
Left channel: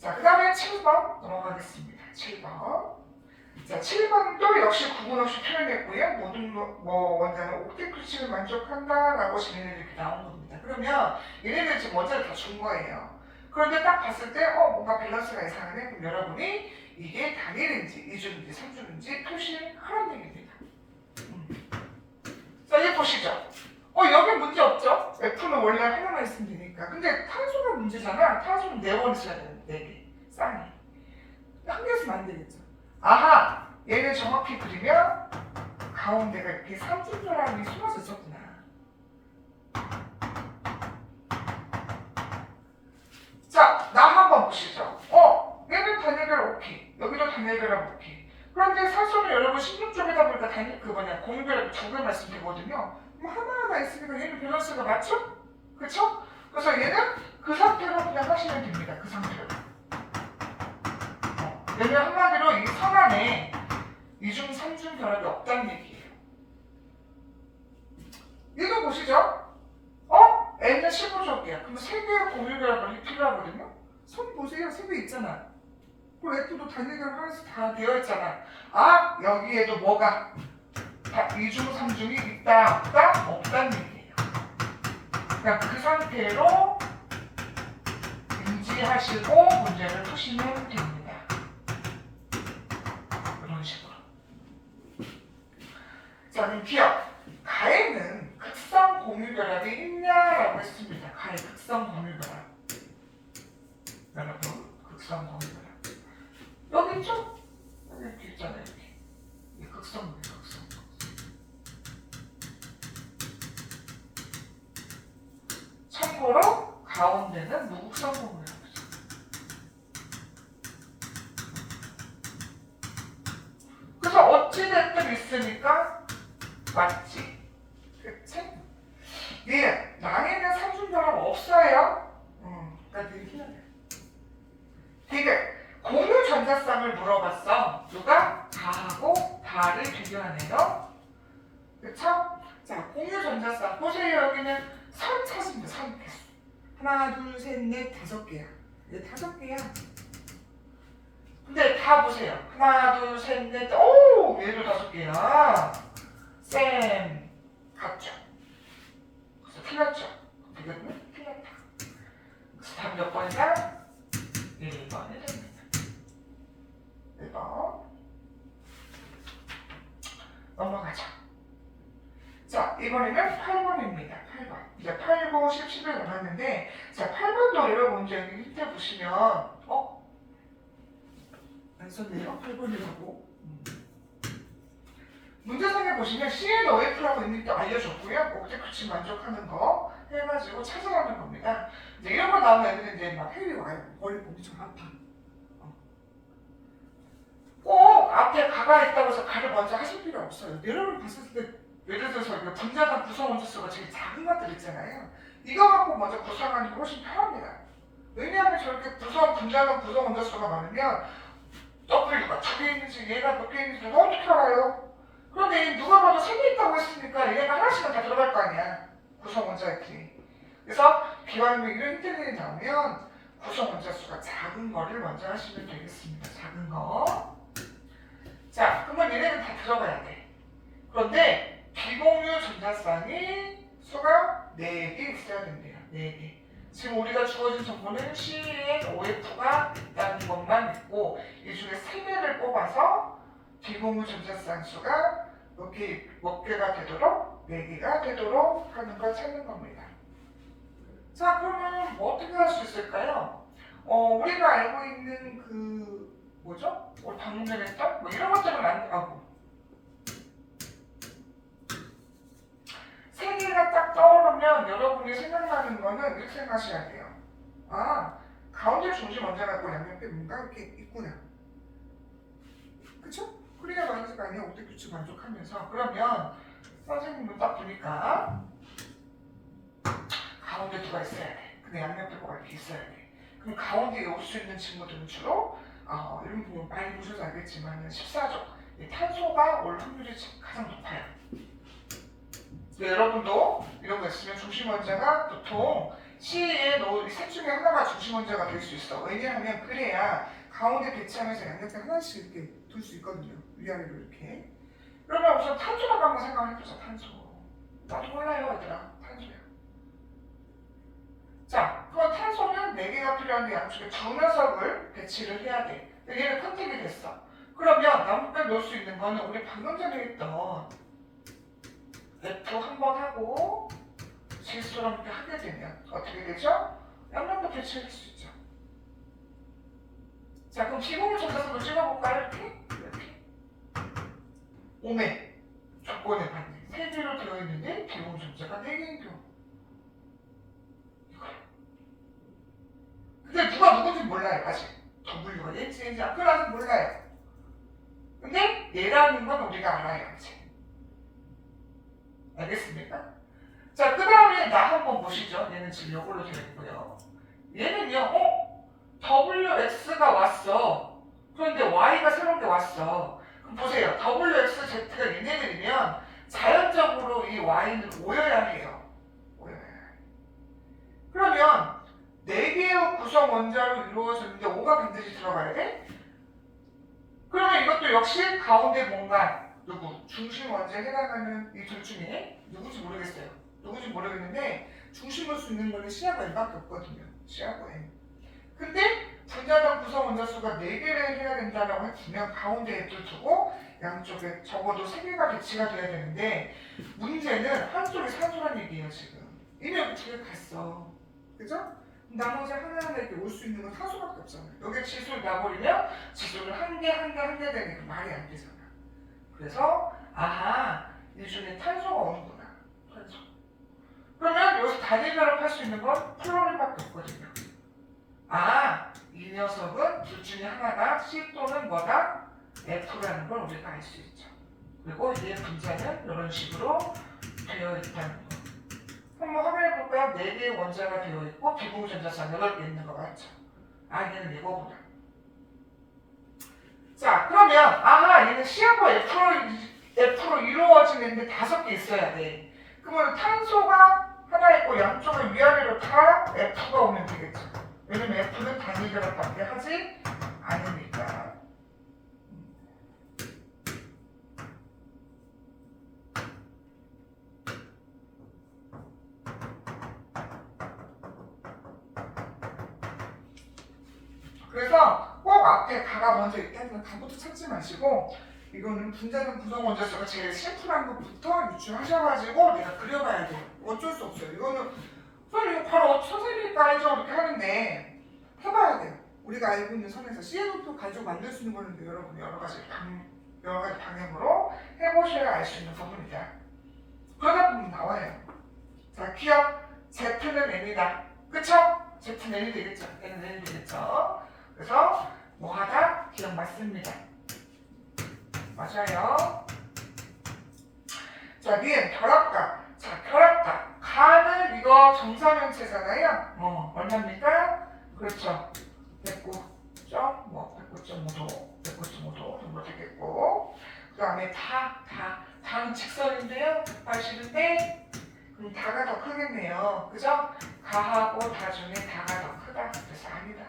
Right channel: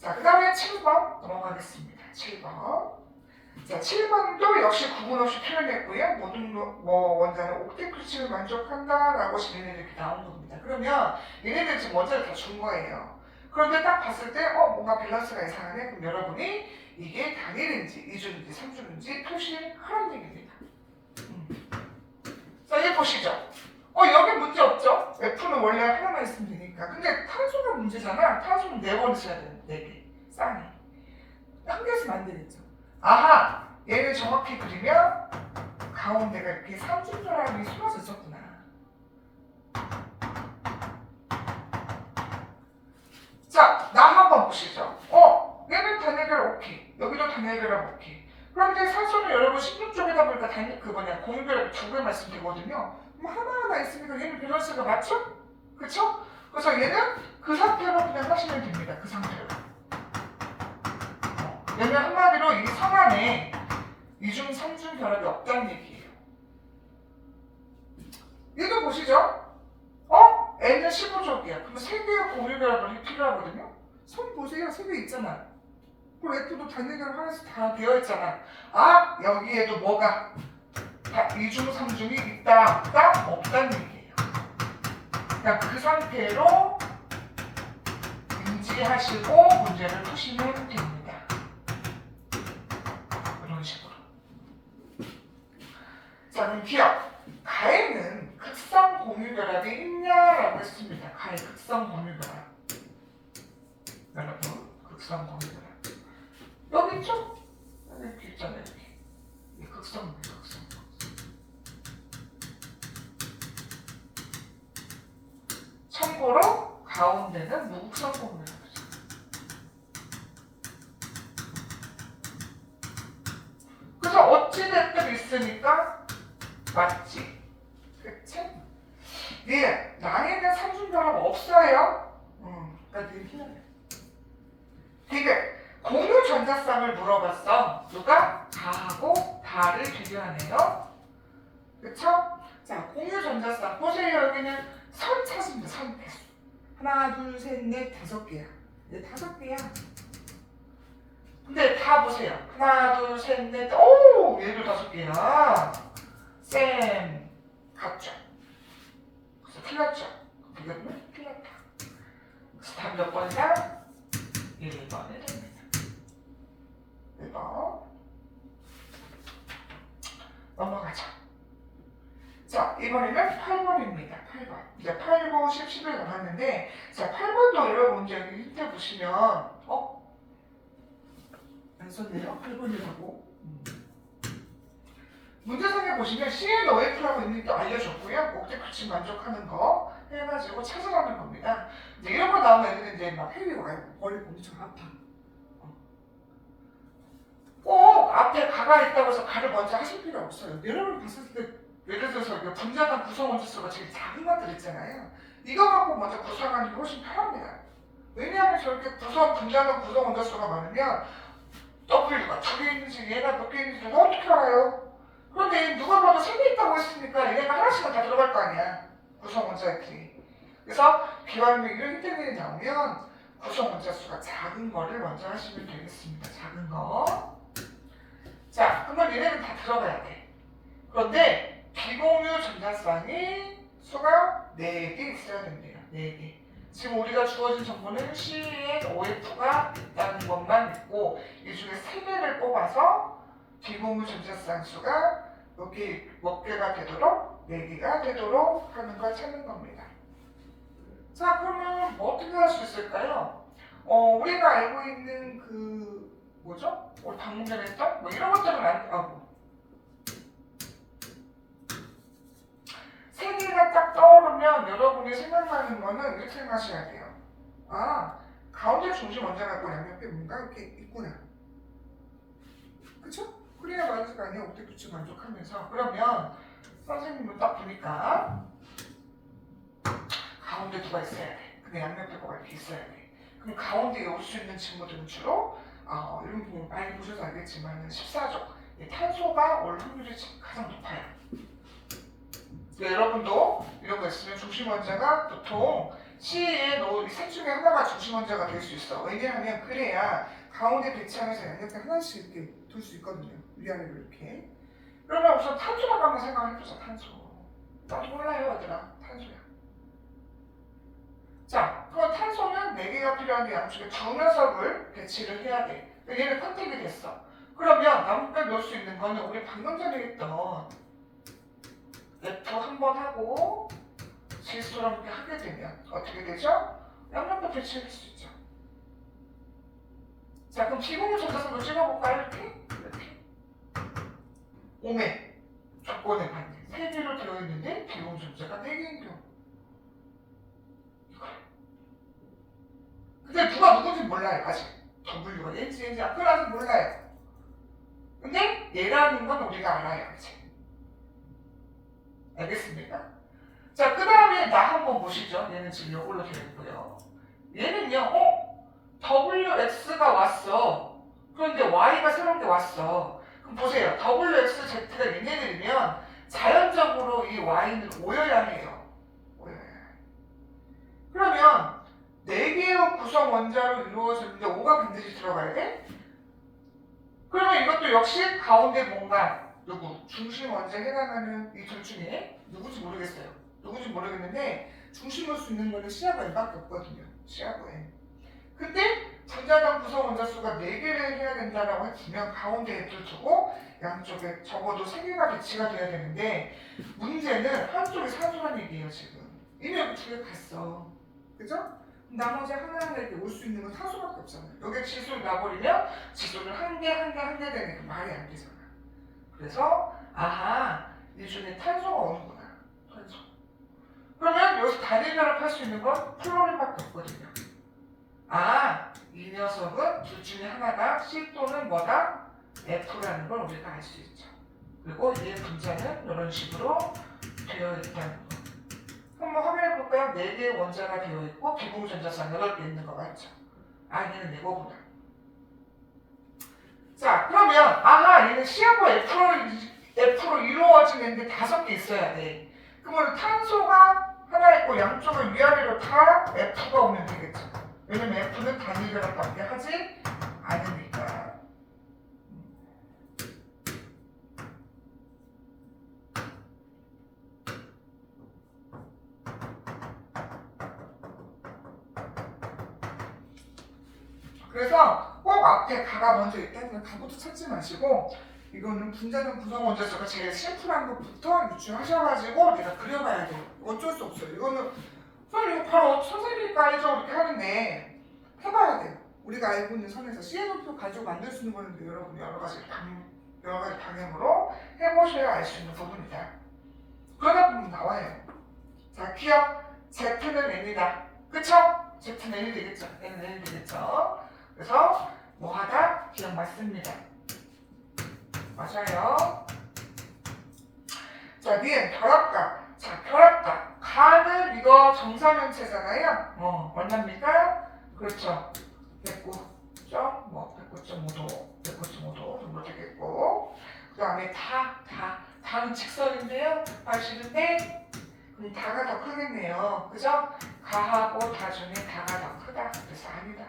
자, 그 다음에 7번 넘어가겠습니다. 7번. 자, 7번도 역시 구분 없이 표현했고요. 모든 원자는 옥텟 규칙을 만족한다라고 질문이 이렇게 나온 겁니다. 그러면 얘네들 지금 원자를 다 준 거예요. 그런데 딱 봤을 때 뭔가 밸런스가 이상하네. 그럼 여러분이 이게 단일인지 2주인지 3주인지 표시하라는 얘기입니다. 자, 이제 보시죠. 여기 문제 없죠? F는 원래 하나만 있으면 되니까. 근데 탄소가 문제잖아. 탄소는 4번 있어야 되는 4개. 쌍이. 한 개 있으면 안 되겠죠. 아하! 얘를 정확히 그리면 가운데가 이렇게 삼중결합이 숨어져 있었구나. 자, 나 한번 보시죠. 얘는 단일결합 오케이. 여기도 단일결합 오케이. 그런데 산소는 여러분 16쪽에다 보니까 공유결합이 2개 말씀드리거든요. 그럼 하나하나 있으니까 얘는 밸런스가 맞죠? 그쵸? 그래서 얘는 그 상태로 그냥 하시면 됩니다. 그 상태로. 얘는 한마디로 이 성 안에 2중, 3중 결합이 없다는 얘기예요. 얘도 보시죠? N은 15쪽이야. 그럼 3개의 공유결합이 필요하거든요? 손 보세요. 3개 있잖아. 그리고 F도 단일결합 하나씩 다 되어 있잖아. 여기에도 뭐가 2중, 3중이 있다, 없다? 없다는 얘기예요. 그러니까 그 상태로 인지하시고 문제를 푸시면 됩니다. 이런 식으로. 자, 그럼 기억. 가에는 극성 공유결합이 있냐라고 했습니다. 가에 극성 공유결합. 여러분, 극성 공유결합. 여기 있죠? 여기 있잖아요. 여기. 이 극성입니다. 극성. 참고로 가운데는 무극성 공유결합. 그래서 어찌됐든 있으니까 맞지? 그치? 네, 나에는 삼중결합 없어요. 그러니까 네 틀렸네. 디귿. 공유 전자쌍을 물어봤어. 누가? 다하고 다를 비교하네요. 그쵸? 자, 공유 전자쌍. 보세요. 여기는 선 찾습니다. 선 개수. 하나, 둘, 셋, 넷, 5개야. 이제 5개야. 근데 다 보세요. 하나, 둘, 셋, 넷. 오! 얘도 5개야. 쌤. 같죠? 그래서 틀렸죠? 이거는 틀렸다. 그래서 답 몇 번이다? 1번이 됩니다. 1번. 넘어가자. 자, 이번에는 8번입니다. 8번. 이제 8, 9, 10, 11 남았는데, 자, 8번도 여러분 이제 여기 밑에 보시면, 안 썼네요. 8번이라고. 문제상에 보시면 CNOF라고 있는 게 알려줬고요. 옥텟 규칙 만족하는 거 해가지고 찾아가는 겁니다. 이제 이런 거 나오면 애들이 이제 막 해외 와요. 머리 엄청 아파. 꼭 앞에 가가 있다고 해서 가를 먼저 하실 필요 없어요. 여러분 봤을 때 예를 들어서 분자나 구성 원소수가 제일 작은 것들 있잖아요. 이거 갖고 먼저 구성하는 게 훨씬 편합니다. 왜냐하면 저렇게 분자나 구성 원소수가 많으면 W가 2개 있는지 얘가 몇 개 있는지 내가 어떻게 알아요? 그런데 누가 봐도 3개 있다고 했으니까 얘가 하나씩은 다 들어갈 거 아니야. 구성 원자들이. 그래서 비완료 이런 힌트들이 나오면 구성 원자 수가 작은 거를 먼저 하시면 되겠습니다. 작은 거. 자, 그러면 얘네는 다 들어가야 돼. 그런데 비공유 전자쌍이 수가 4개 있어야 된대요. 4개. 지금 우리가 주어진 정보는 CnOF가 있다는 것만 있고 이 중에 3개를 뽑아서 비공유 전자쌍 수가 몇 개가 되도록 4개가 되도록 하는 걸 찾는 겁니다. 자, 그러면 뭐 어떻게 할 수 있을까요? 우리가 알고 있는 뭐죠? 우리 방금 전에 했던 뭐 이런 것들은 안 하고 세 개가 딱 떠오르면 여러분이 생각나는 거는 이렇게 생각하셔야 돼요. 아, 가운데 중심 원자가 있고 양옆에 뭔가 이렇게 있구나. 그쵸? 그래야 맞을 아니야. 옥대 규칙 만족하면서. 그러면 선생님은 딱 보니까 가운데 누가 있어야 돼. 근데 양옆에 뭐가 이렇게 있어야 돼. 그럼 가운데에 올 수 있는 친구들은 주로 이런 부분 많이 보셔서 알겠지만 14조. 탄소가 올 확률이 가장 높아요. 여러분도 이런 거 있으면 중심 원자가 보통 C에 놓은 셋 중에 하나가 중심 원자가 될 수 있어. 왜냐하면 그래야 가운데 배치하면서 양옆에 하나씩 이렇게 둘 수 있거든요. 위아래로 이렇게. 그러면 우선 탄소라고 한번 생각해보자. 탄소. 나도 몰라요, 얘들아. 탄소야. 자, 그럼 탄소는 4개가 필요한데 양쪽에 두 녀석을 배치를 해야 돼. 얘는 컨택이 됐어. 그러면 나무뼈 넣을 수 있는 거는 우리 방금 전에 했던 F 한 번 하고 질소랑 이렇게 하게 되면 어떻게 되죠? 양면도 배치할 수 있죠. 자, 그럼 비공유 전자선도 찍어볼까요? 이렇게? 오메 조건에 맞는 3개로 되어 있는데 비공유 전자가 4개인 경우 이거요. 근데 누가 누군지 몰라요. 아직 W가 얘인지 얘인지 그건 몰라요. 근데 얘라는 건 우리가 알아요. 이제. 알겠습니까? 자, 그 다음에 나 한번 보시죠. 얘는 지금 이걸로 되어 있고요. 얘는요, WX가 왔어. 그런데 Y가 새로운 게 왔어. 그럼 보세요. WXZ가 얘네들이면 자연적으로 이 Y는 오여야 해요. 오여야 해요. 그러면 4개의 구성 원자로 이루어졌는데 5가 반드시 들어가야 돼? 그러면 이것도 역시 가운데 뭔가 누구? 중심 원자에 해당하는 이 둘 중에 누구지 모르겠어요. 누구지 모르겠는데 중심 볼 수 있는 거는 C하고 N밖에 없거든요. C하고 N. 근데 분자당 구성 원자 수가 4개를 해야 된다라고 했으면 가운데 F를 두고 양쪽에 적어도 3개가 배치가 돼야 되는데 문제는 한쪽이 산소란 얘기예요 지금. 이미 여기 2개 갔어. 그죠? 나머지 하나하나 이렇게 올 수 있는 건 탄소밖에 없잖아요. 여기에 질소를 놔버리면 질소를 한 개 되니까 말이 안 되잖아. 그래서 아하, 이 중에 탄소가 오는구나. 탄소. 그러면 여기서 단일 결합할 수 있는 건 플로린밖에 없거든요. 아, 이 녀석은 둘 중에 하나가 C 또는 뭐다? F라는 걸 우리가 알 수 있죠. 그리고 얘 분자는 이런 식으로 되어 있다는 거. 한번 확인해 볼까요? 4개의 원자가 되어 있고 비공유 전자쌍 8개 있는 거 맞죠? 아, 얘는 이거구나. 자, 그러면 아하, 얘는 C하고 F로 이루어지는데 5개 있어야 돼. 그러면 탄소가 하나 있고 양쪽을 위아래로 다 F가 오면 되겠죠. 왜냐면 F는 단위 결합밖에 하지 않으니까. 그래서 꼭 앞에 가가 먼저 있다면 가부터 찾지 마시고 이거는 분자단 구성 원자수가 제일 심플한 것부터 유추하셔가지고 내가 그려봐야 돼요. 어쩔 수 없어요. 이거는 이거 바로 선생님이 알죠 이렇게 하는데 해봐야 돼요. 우리가 알고 있는 선에서 CNO표 가지고 만들 수 있는 거는데 여러분이 여러 가지 방향으로 해보셔야 알 수 있는 부분이다. 그러다 보면 나와요. 자, 기억 Z는 N이다. 그쵸? Z는 N이 되겠죠. N은 N이 되겠죠. 그래서 뭐하다? 기억 맞습니다. 맞아요. 자, 니은 결합각. 자, 결합각. 가는 이거 정사면체잖아요. 얼마입니까? 그렇죠. 됐고. 109.5도 정도 되겠고, 그 다음에 다는 직선인데요. 80인데 그럼 다가 더 크겠네요. 그죠? 가하고 다 중에 다가 더 크다. 그래서 아니다.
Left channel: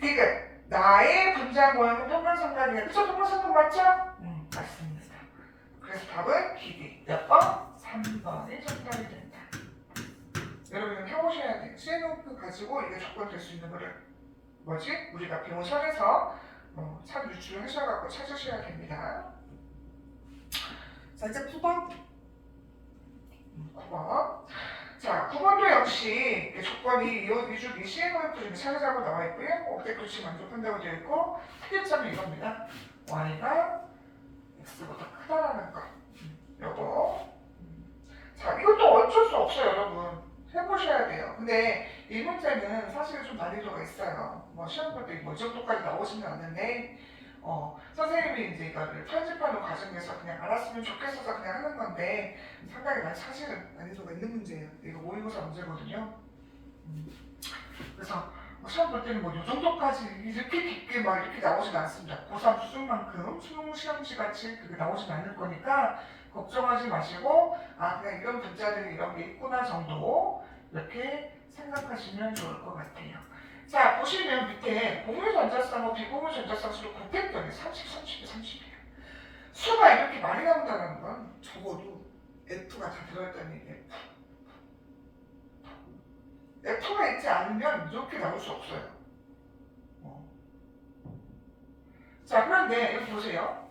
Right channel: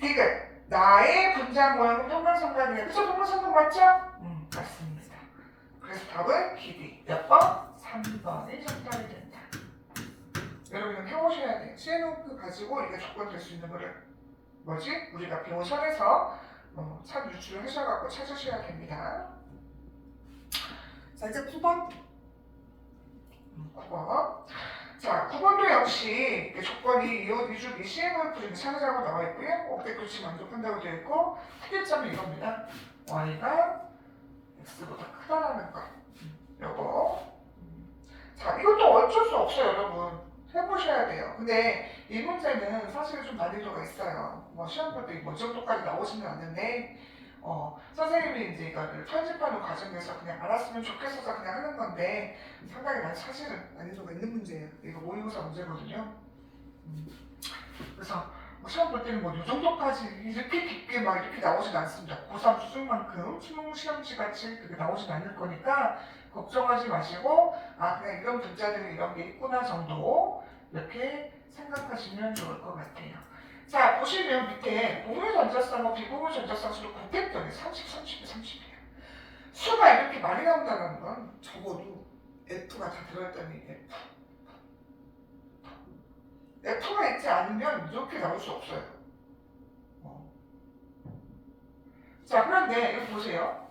디귿. 나의 분자 모양은 평면삼각이에요. 그죠? 평면삼각 맞죠? 맞습니다. 그래서 답은 기디. 몇 번? 3번이 정답이 된다. 여러분 이건 해보셔야 돼요. CNOP 가지고 이게 조건 될 수 있는 거를 뭐지? 우리가 배운 선에서 참 유추를 하셔갖고 찾으셔야 됩니다. 자 이제 9번. 9번. 자 9번도 역시 조건이 이주 CNOP 중에 찾으라고 나와 있고요. 옵백도치 만족한다고 되어 있고 특이점이 이겁니다. y가 x보다 크다라는 거. 요거. 자 이것도 어쩔 수 없어요 여러분. 해보셔야 돼요. 근데 이 문제는 사실 좀 난이도가 있어요. 뭐 시험 볼 때 뭐 이 정도까지 나오지는 않는데 선생님이 이제 이거를 편집하는 과정에서 그냥 알았으면 좋겠어서 그냥 하는 건데 상당히 많이 사실은 난이도가 있는 문제예요. 이거 모의고사 문제거든요. 그래서 시험 볼 때는 뭐 이 정도까지 이렇게 깊게 막 이렇게 나오진 않습니다. 고3 수준만큼 수능 시험지 같이 그게 나오진 않을 거니까 걱정하지 마시고 그냥 이런 분자들이 이런 게 있구나 정도 이렇게 생각하시면 좋을 것 같아요. 자 보시면 밑에 공유 전자쌍하고 비공유 전자쌍 수를 곱했더니 30, 30이에요. 수가 이렇게 많이 나온다는 건 적어도 F가 다 들어있다는 얘기예요. F가 있지 않으면 이렇게 나올 수 없어요. 자 그런데 여기 보세요.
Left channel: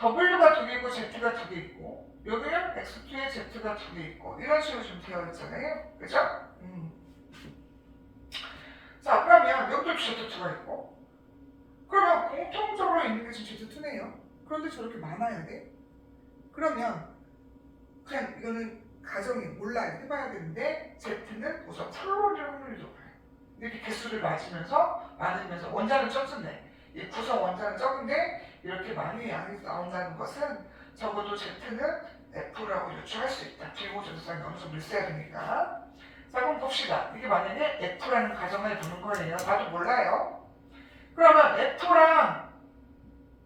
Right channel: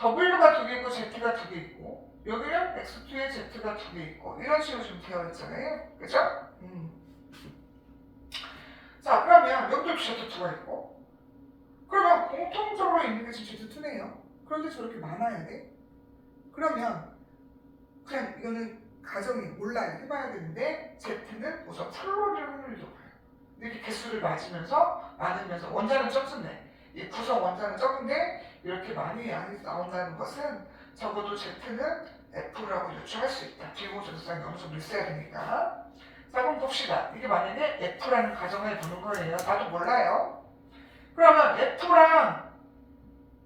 W가 2개 있고 Z가 2개 있고 여기는 X2에 Z가 2개 있고 이런 식으로 좀 되어 있잖아요. 그죠? 자 그러면 여기도 Z2가 있고 그러면 공통적으로 있는 게 지금 Z2네요. 그런데 저렇게 많아야 돼? 그러면 그냥 이거는 가정이 몰라요. 해봐야 되는데 Z는 우선 풀로릴 확률이 높아요. 이렇게 개수를 많으면서 원자는 적은데 이 구성 원자는 적은데 이렇게 많이 양이 나온다는 것은 적어도 Z는 F라고 유추할 수 있다. 비공전자쌍이 어느 정도 있어야 되니까. 자 그럼 봅시다. 이게 만약에 F라는 가정을 두는 거예요. 나도 몰라요. 그러면 F랑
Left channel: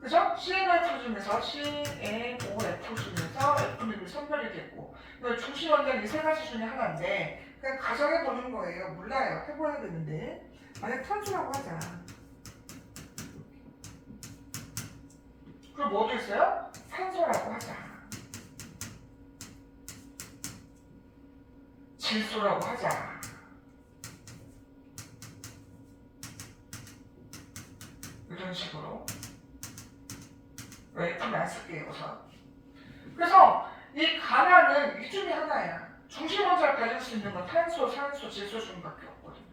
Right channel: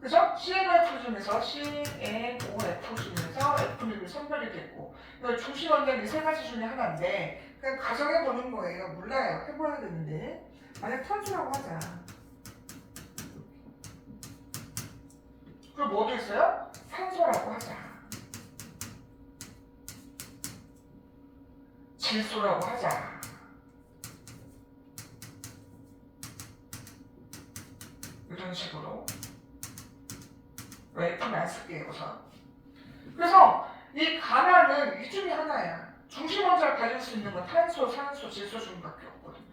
그죠? CNOF 중에서 CNOF 중에서 F는 선별이 됐고 중심 원자는 이 세 가지 중에 하나인데 그냥 가정해 보는 거예요. 몰라요. 해봐야 되는데 만약 탄소라고 하자. 그럼 뭐도 있어요? 산소라고 하자. 질소라고 하자. 이런 식으로. 왜 F는 안 쓸게요, 우선. 그래서 이 가나는 이 중에 하나야. 중심 원자를 가질 수 있는 건 탄소, 산소, 질소 중밖에 없거든요.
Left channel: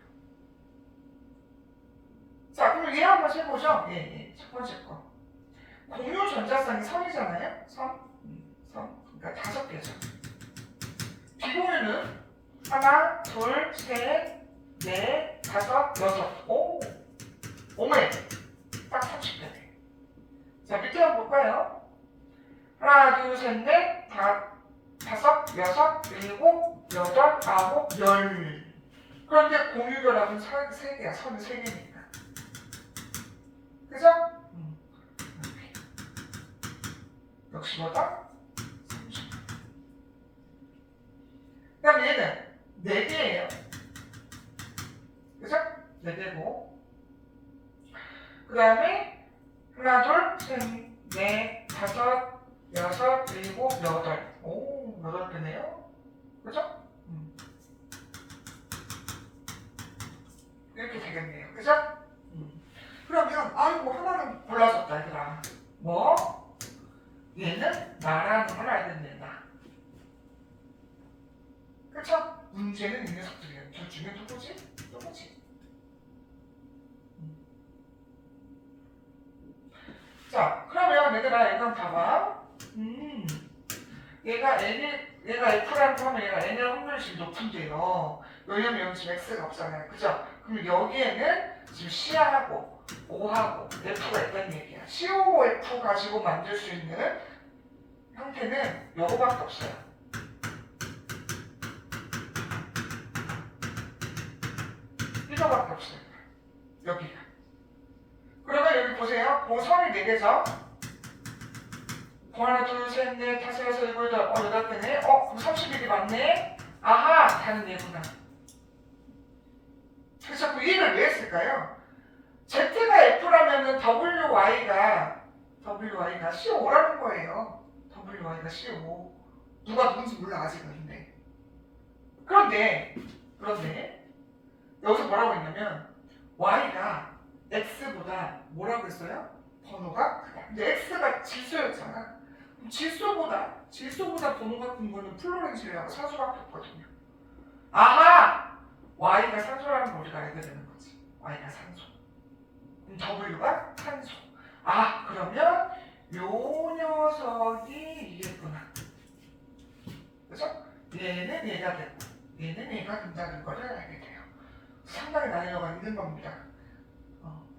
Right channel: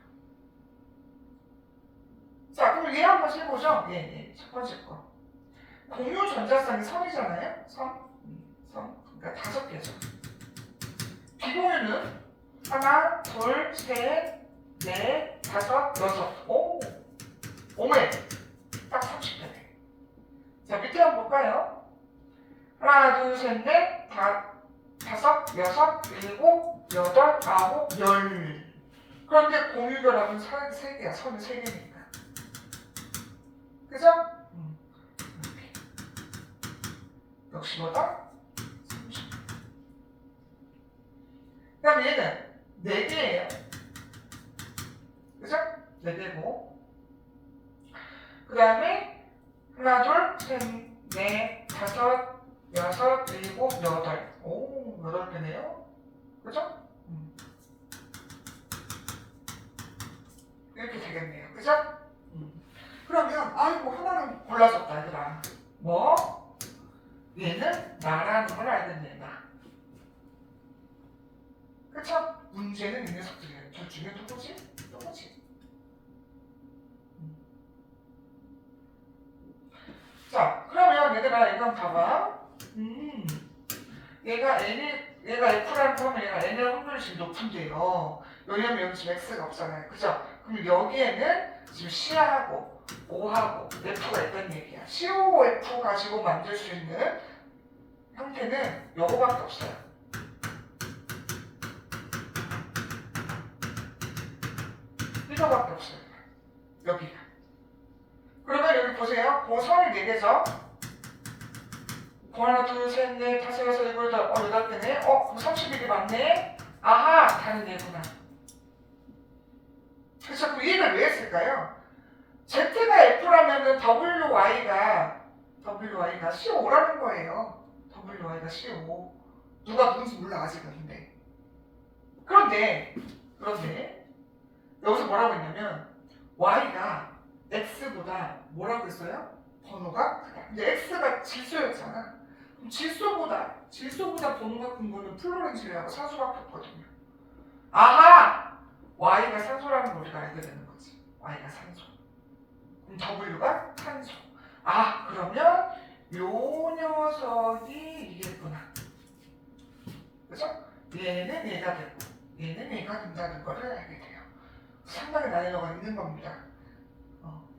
자, 그럼 얘 한번 해보죠. 첫 번째 거. 공유 전자쌍이 선이잖아요? 선. 그러니까 5개죠. 비공유는 하나, 둘, 셋, 넷, 다섯, 여섯. 오메. 딱 30개. 자, 밑에 한번 볼까요? 하나, 둘, 셋, 넷, 다섯, 여섯, 일곱, 여덟, 아홉, 열. 그런데 공유결합은 3개야. 선은 3개니까. 그죠? 역시 뭐다? 30. 그 다음 얘는 4개예요. 그죠? 4개고. 그 다음에 하나, 둘, 셋, 넷, 다섯, 여섯, 일곱, 여덟. 8개네요. 그죠? 이렇게 되겠네요. 그죠? 그러면 아이고 하나는 골라줬다 얘들아. 뭐? 얘는 나라는 걸 알겠네. 나. 그쵸? 문제는 이 녀석들이에요. 둘 중에 누구지? 자, 그러면 얘들아 이건 봐봐. 얘가 F라는 거 하면 얘가 N의 확률이 지금 높은데요. 왜냐면 여기 지금 X가 없잖아요. 그죠? 그럼 여기에는 지금 C하고 O하고 F가 있다는 얘기야. COO F 가지고 만들 수 있는 형태는 요거밖에 없어요. 이거밖에 없어요. 여기가. 그러면 여기 보세요. 그 선이 4개죠? 하나, 둘, 셋, 넷, 다섯, 여섯, 일곱, 여덟 개네. 그럼 31이 맞네? 아하, 다른 얘구나. 그래서 그 얘를 왜 했을까요? Z가 F라면은 WY가 CO5라는 거예요. WY가 CO5. 누가 누군지 몰라, 아직은. 근데. 그런데, 여기서 뭐라고 했냐면, Y가 X보다 뭐라고 했어요? 번호가 크다. 근데 X가 질소였잖아. 그럼 질소보다 번호가 큰 거는 플로렌실하고 산소밖에 없거든요. 아하! Y가 산소라는 걸 우리가 알게 되는 거지. Y가 산소. 그럼 W가 탄소. 아, 그러면 요 녀석이 이겠구나. 그죠? 얘는 얘가 되고 얘는 얘가 된다는 거를 알게 돼요. 상당히 난이도가 있는 겁니다.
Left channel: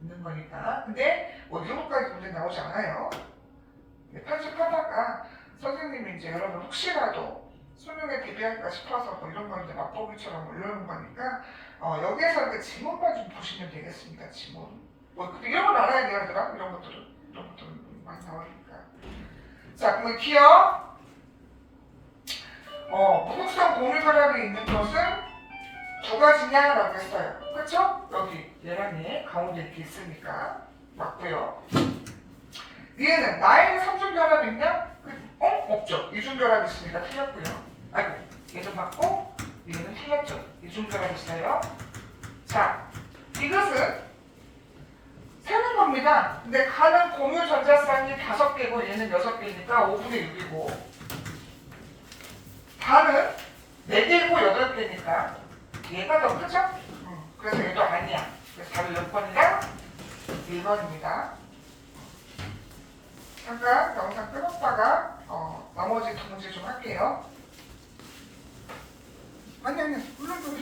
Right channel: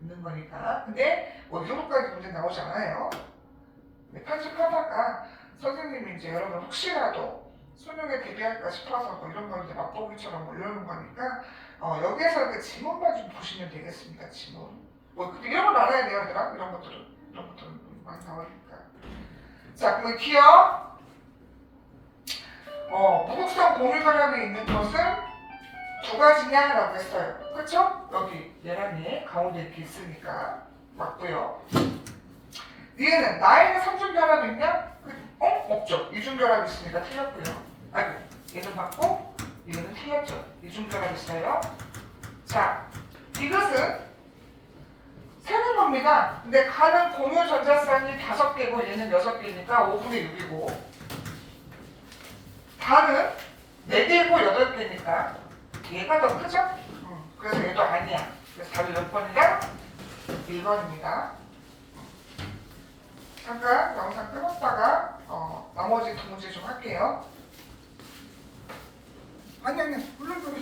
있는 거니까. 근데 뭐 이렇게까지 문제 나오지 않아요. 편집하다가 선생님이 이제 여러분 혹시라도 수능에 대비할까 싶어서 뭐 이런 거 이제 맛보기처럼 뭐 이러는 거니까 여기에서 그 지문만 좀 보시면 되겠습니다. 지문. 뭐 근데 이런 건 알아야 돼요, 얘들아. 이런 것들은 많이 나오니까. 자, 그러면 기억. 무극성 고밀결합이 있는 것은 두 가지냐라고 했어요. 그쵸? 여기 얘랑 얘 가운데 이렇게 있으니까 맞고요. 얘는 나에는 삼중결합이 있냐? 없죠. 이중결합이 있으니까 틀렸고요. 아이고, 얘도 맞고 얘는 틀렸죠. 이중결합이 있어요. 자, 이것은 세는 겁니다. 근데 가는 공유 전자쌍이 5개고 얘는 6개니까 5분의 6이고 반은 4개고 8개니까 얘가 더 크죠? 그래서 얘도 아니야. 그래서 답이 몇 번이냐? 1번입니다. 잠깐 영상 끊었다가 나머지 두 문제 좀 할게요. 아니 물론 좀